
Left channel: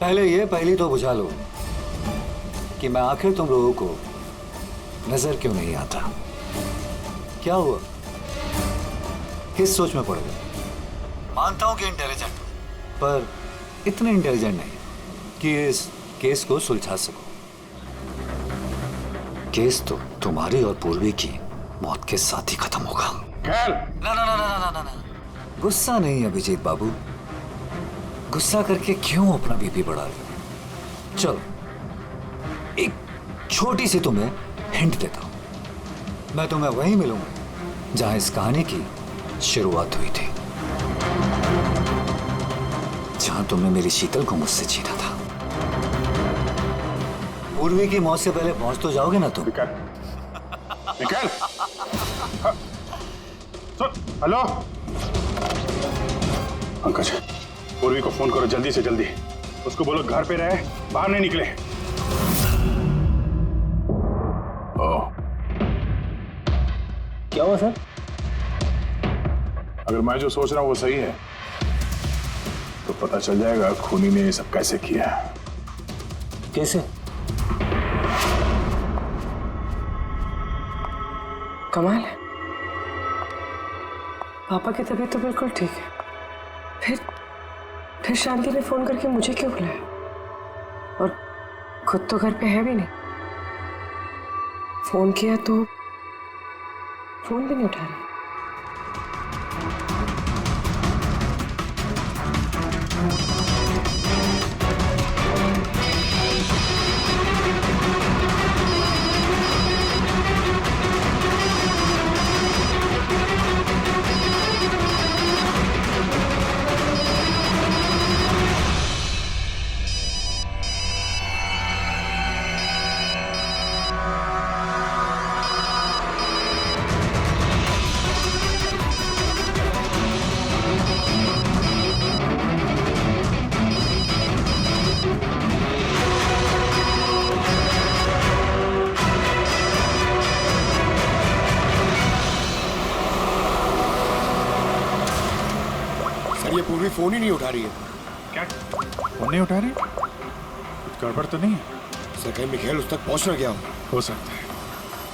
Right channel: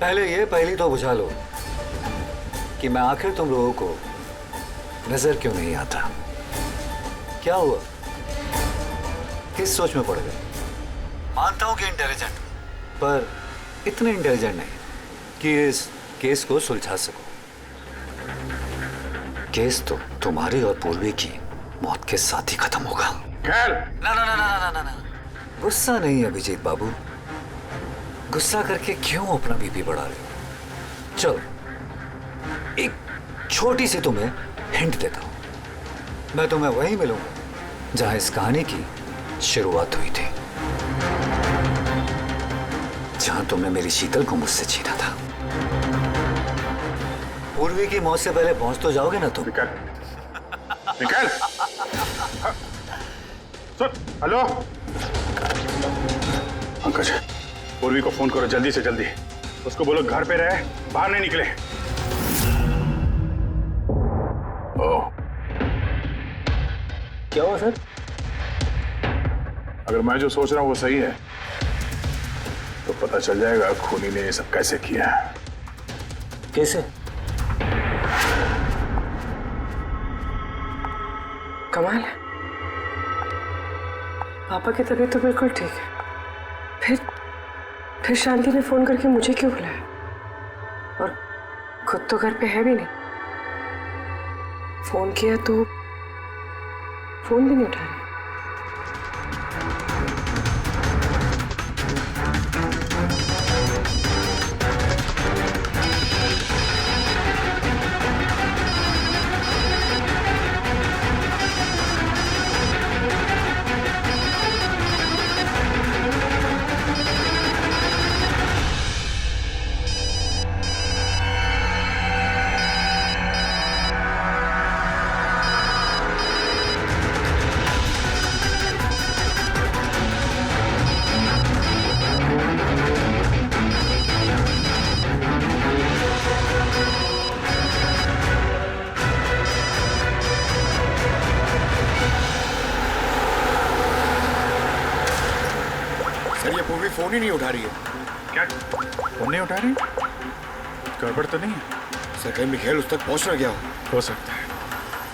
पहली तो बुझा लो कि मैं आखिर तुम लोगों को नजर क्यों नहीं आता। क्या हुआ, किस सोच में पड़ गए? मानता हूं कि इंटेलिजेंट, पर इतने इंटेलिजेंट नहीं कि इस केस को सुलझा सको। केस तो तुम्हारी और पूर्वी की मौत के साथ ही खत्म होगा। ना ना ना ना ना ना ना, गुस्सा नहीं अभिजीत बाबू, गुस्सा करके क्यों अपना बीपी बढ़ा रहे हो? चलो एक छोटी सी तुम्हें हिंट देता हूं। मैं तुम्हें वहीं मिलूंगा जहां इस कहानी की शुरुआत हुई थी, जहां तुमने मेरी शीतल को मुझसे छीना था। पूर्वी की मौत से पहले पहुंच तो जाओगे ना तुम? निकल। सुन, हेलो पंकज, पूर्वी को फोन करो जल्दी से जल्दी। उसको बोलो घर पे रहे, बाहर नहीं निकले। क्या हुआ सर? अगर मैं जो सोच रहा हूं वो सही है तो पता चल जाएगा खूनी ने ये सब कैसे किया। कैसे? कमाल है, पापा की तबीयत तो बिल्कुल ठीक है, फिर शांति ने फोन करके मुझे क्यों बुलाया? और खुद तो घर पे है भी नहीं। फोन किया तो फोन भी नहीं उठा रही। सर ये पूर्वी फोन ही नहीं उठा रही है। क्या फोन नहीं उठा रही? गड़बड़ तो नहीं है? सर कहीं मिखेल उस तक पहुंच ना गया हो सकता है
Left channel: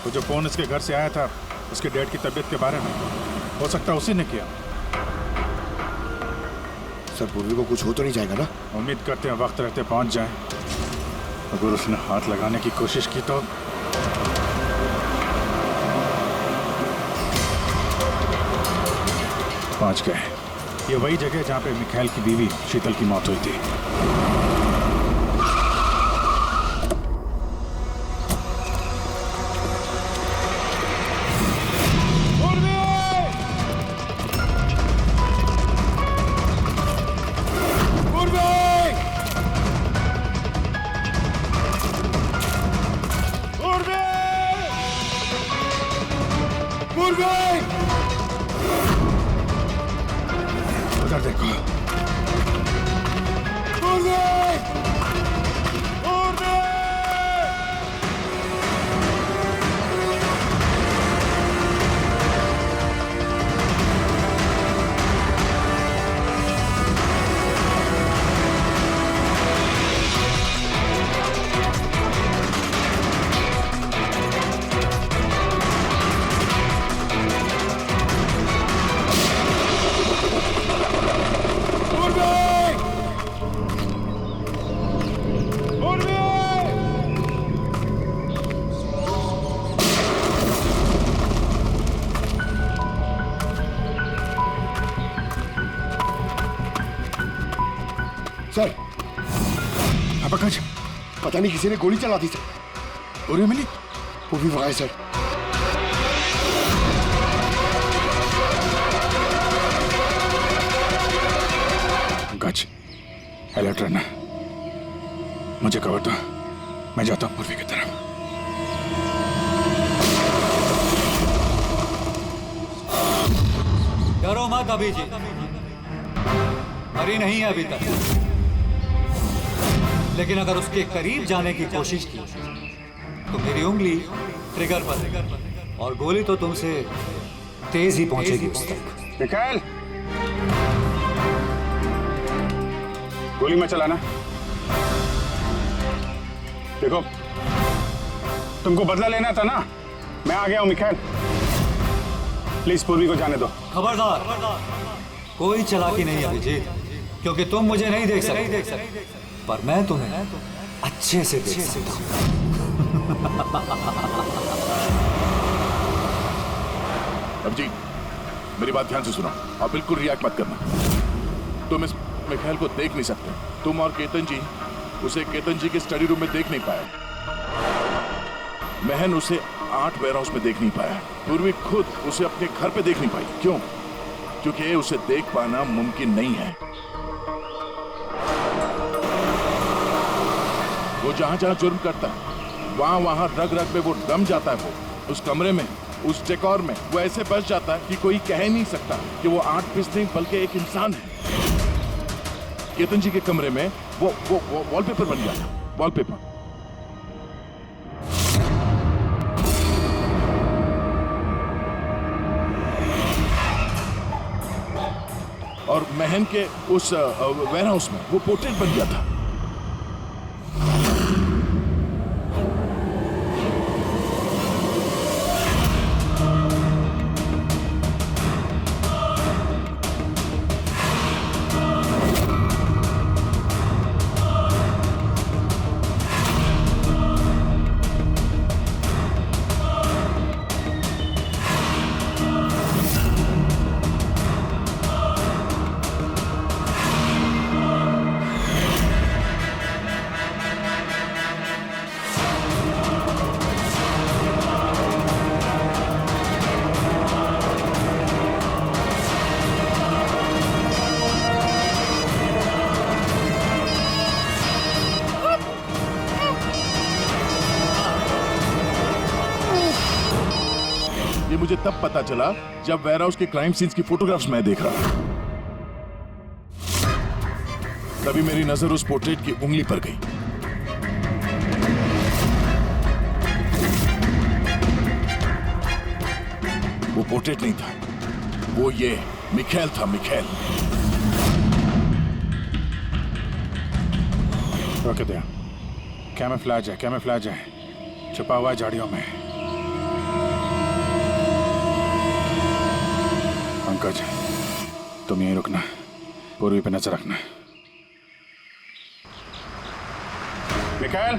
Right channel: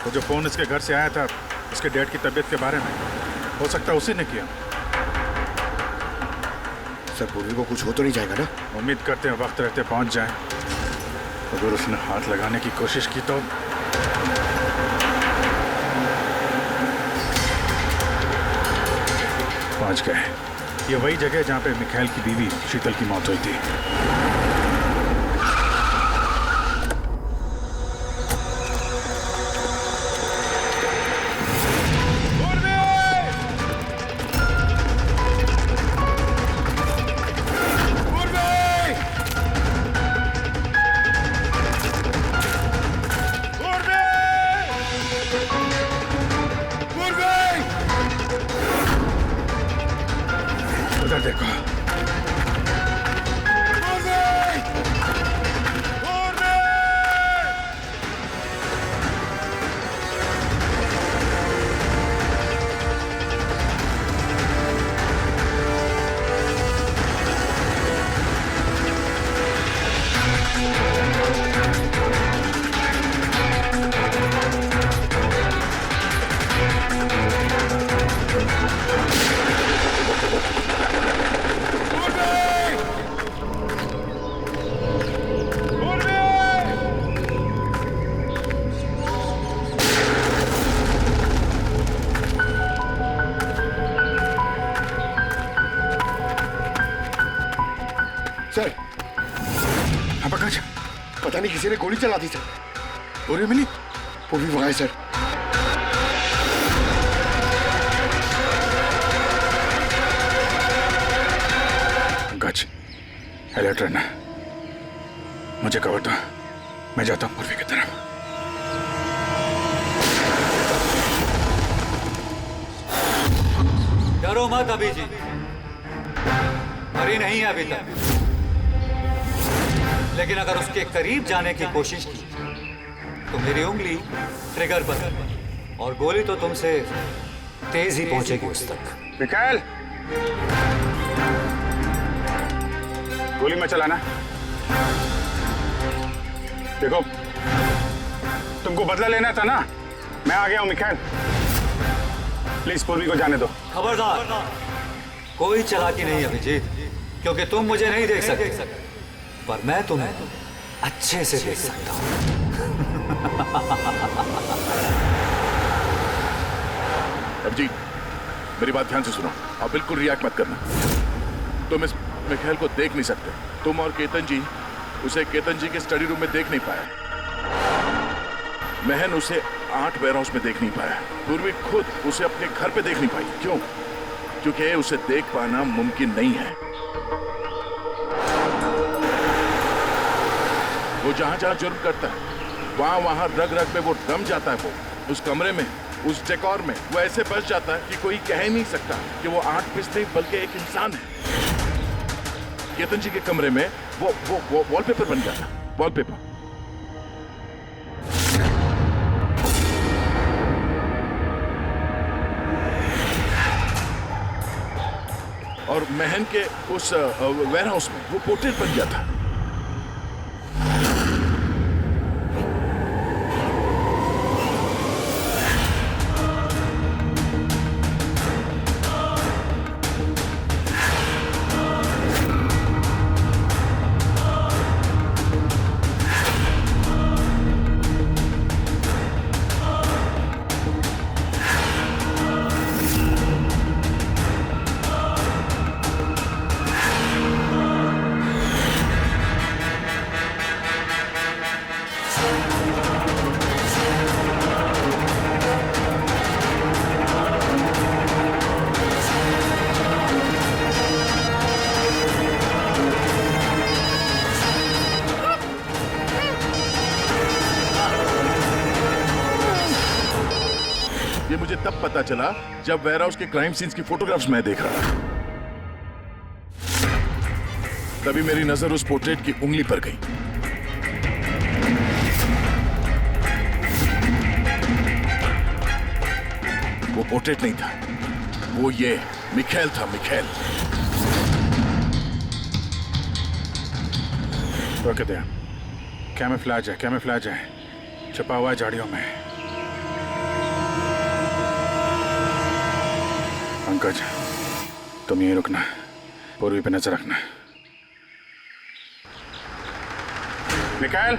वो जो फोन इसके घर से आया था उसके डैड की तबीयत के बारे में, हो सकता है उसी ने किया। सर पूर्वी को कुछ हो तो नहीं जाएगा ना? उम्मीद करते हैं वक्त रहते पहुंच जाए। अगर उसने हाथ लगाने की कोशिश की तो पहुंच गए। ये वही जगह जहां पे मिखाइल की बीवी शीतल की मौत हुई थी। उधर देखो। सर हाँ पंकज, पता नहीं किसी ने गोली चला दी सर। पूरी मिली? पूर्वी वहां है सर। पंकज अलर्ट रहना, मुझे कवर दो, मैं जाता हूँ पूर्वी की तरफ। डरो मत अभिजीत, मरी नहीं है अभी तक। लेकिन अगर उसके करीब जाने की कोशिश की तो मेरी उंगली ट्रिगर पर है और गोली तो तुमसे तेज ही पहुंचेगी उस तक। मिकाएल, गोली मत चलाना। देखो, तुमको बदला लेना था ना, मैं आ गया हूं मिकाएल। प्लीज पूर्वी को जाने दो। खबरदार, कोई चालाकी नहीं अभिजीत, क्योंकि तुम मुझे नहीं देख सकते, पर मैं तुम्हें अच्छे से देख सकता हूं। अभिजीत, मेरी बात ध्यान से सुनो और बिल्कुल रिएक्ट मत करना। तुम इस मिखाइल को देख नहीं सकते। तुम और केतन जी उसे केतन जी के स्टडी रूम में देख नहीं पाए। महन उसे 8 वेयरहाउस में देख नहीं पाया। पूर्वी खुद उसे अपने घर पे देख नहीं पाई। क्यों? क्योंकि उसे देख पाना मुमकिन नहीं है। वो जहां जहां जुर्म करता है वहां वहां रग रग में वो दम जाता है। वो उस कमरे में, उस डेकोर में वो ऐसे बस जाता है कि कोई कह ही नहीं सकता कि वो 8 पीस नहीं बल्कि एक इंसान है। केतन जी के कमरे में वो वॉलपेपर बन गया था। वॉलपेपर। और महन के उस वेयरहाउस में वो पोर्ट्रेट बन गया था। ये मुझे तब पता चला जब वेयरहाउस के क्राइम सीन्स की फोटोग्राफ्स मैं देख रहा था। तभी मेरी नजर उस पोर्ट्रेट की उंगली पर गई। वो पोर्ट्रेट नहीं था, वो ये मिखाइल था। मिखाइल। रोके दे। कैमोफ्लेज है, कैमोफ्लेज है, छुपा हुआ है झाड़ियों में। पंकज, तुम यहीं रुकना, पूर्वी पे नजर रखना। मिखाइल,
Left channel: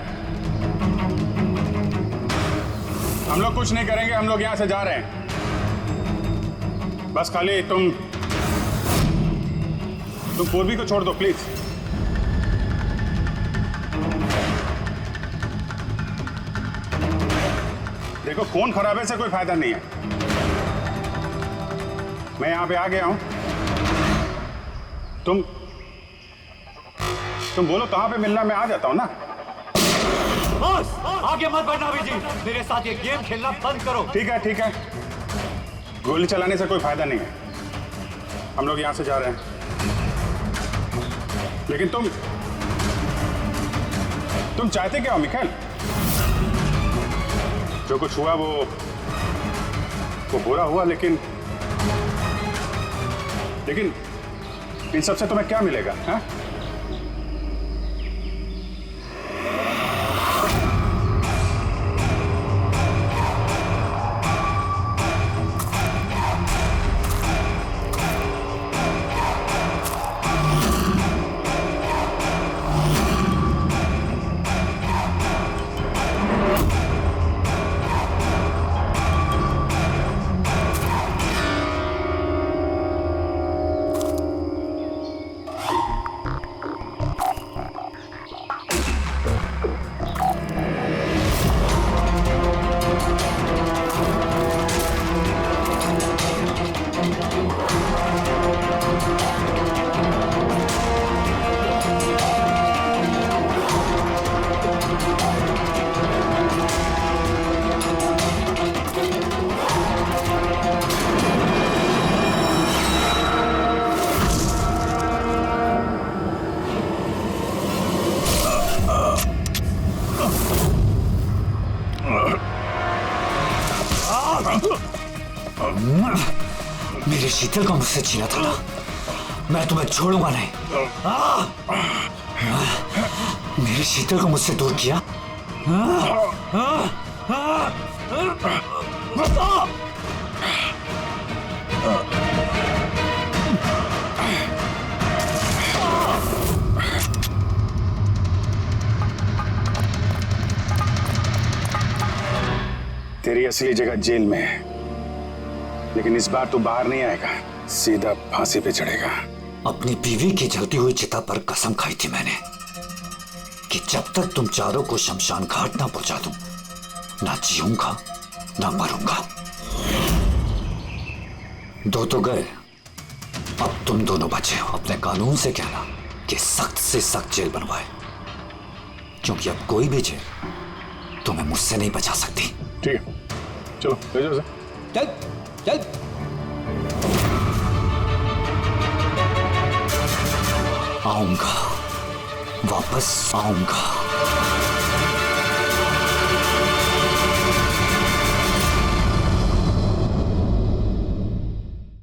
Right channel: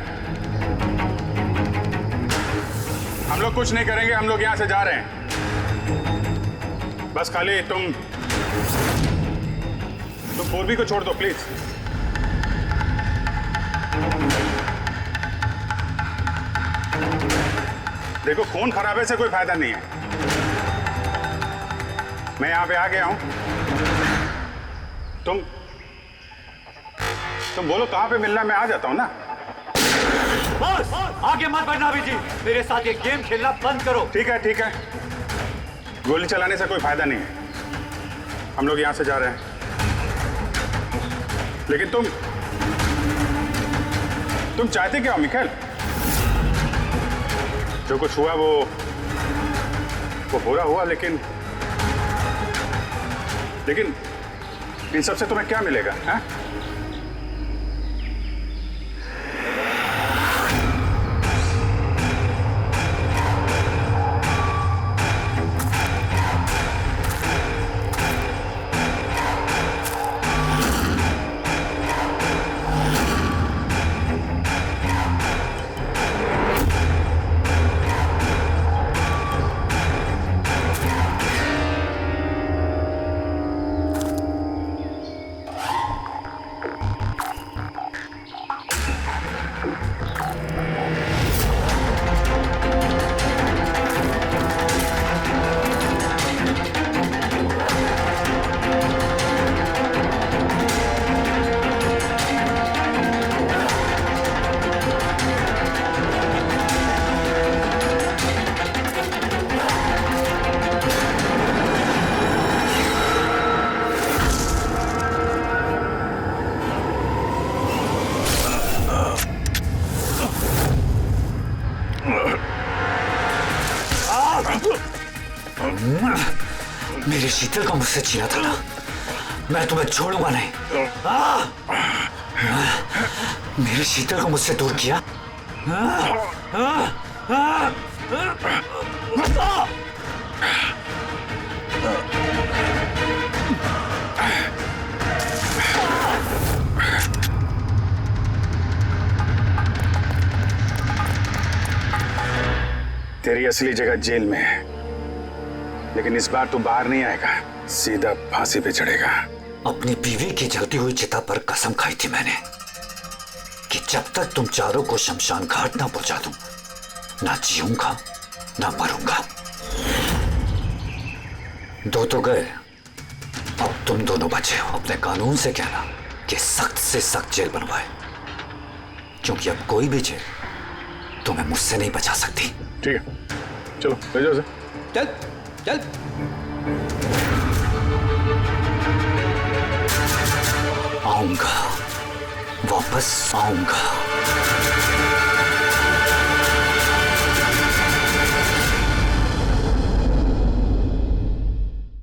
हम लोग कुछ नहीं करेंगे, हम लोग यहां से जा रहे हैं। बस खाली तुम पूर्वी को छोड़ दो प्लीज। देखो, खून खराबे से कोई फायदा नहीं है। मैं यहां पे आ गया हूं। तुम बोलो कहां पे मिलना, मैं आ जाता हूं ना। बस आगे मत बढ़ना अभिजीत, मेरे साथ ये गेम खेलना बंद करो। ठीक है, ठीक है। गोली चलाने से कोई फायदा नहीं है। हम लोग यहां से जा रहे हैं, लेकिन तुम चाहते क्या हो मिखाइल? जो कुछ हुआ वो बुरा हुआ, लेकिन इन सबसे तुम्हें क्या मिलेगा? हैं? मेरे शीतल को मुझसे छीना था ना, मैं तुम्हें छोड़ूंगा नहीं। मेरे शीतल को मुझसे दूर किया। तेरी असली जगह जेल में है, लेकिन इस बार तू बाहर नहीं आएगा, सीधा फांसी पे चढ़ेगा। अपनी बीवी की जलती हुई चिता पर कसम खाई थी मैंने कि जब तक तुम चारों को शमशान घाट ना पहुंचा दूं, ना जीऊंगा ना मरूंगा। दो तो गए, अब तुम दोनों बचे हो। अपने कानून से कहना कि सख्त से सख्त जेल बनवाए, क्योंकि अब कोई भी जेल तुम्हें मुझसे नहीं बचा सकती। ठीक है, चलो ले जाओ। चल चल। आऊंगा, वापस आऊंगा।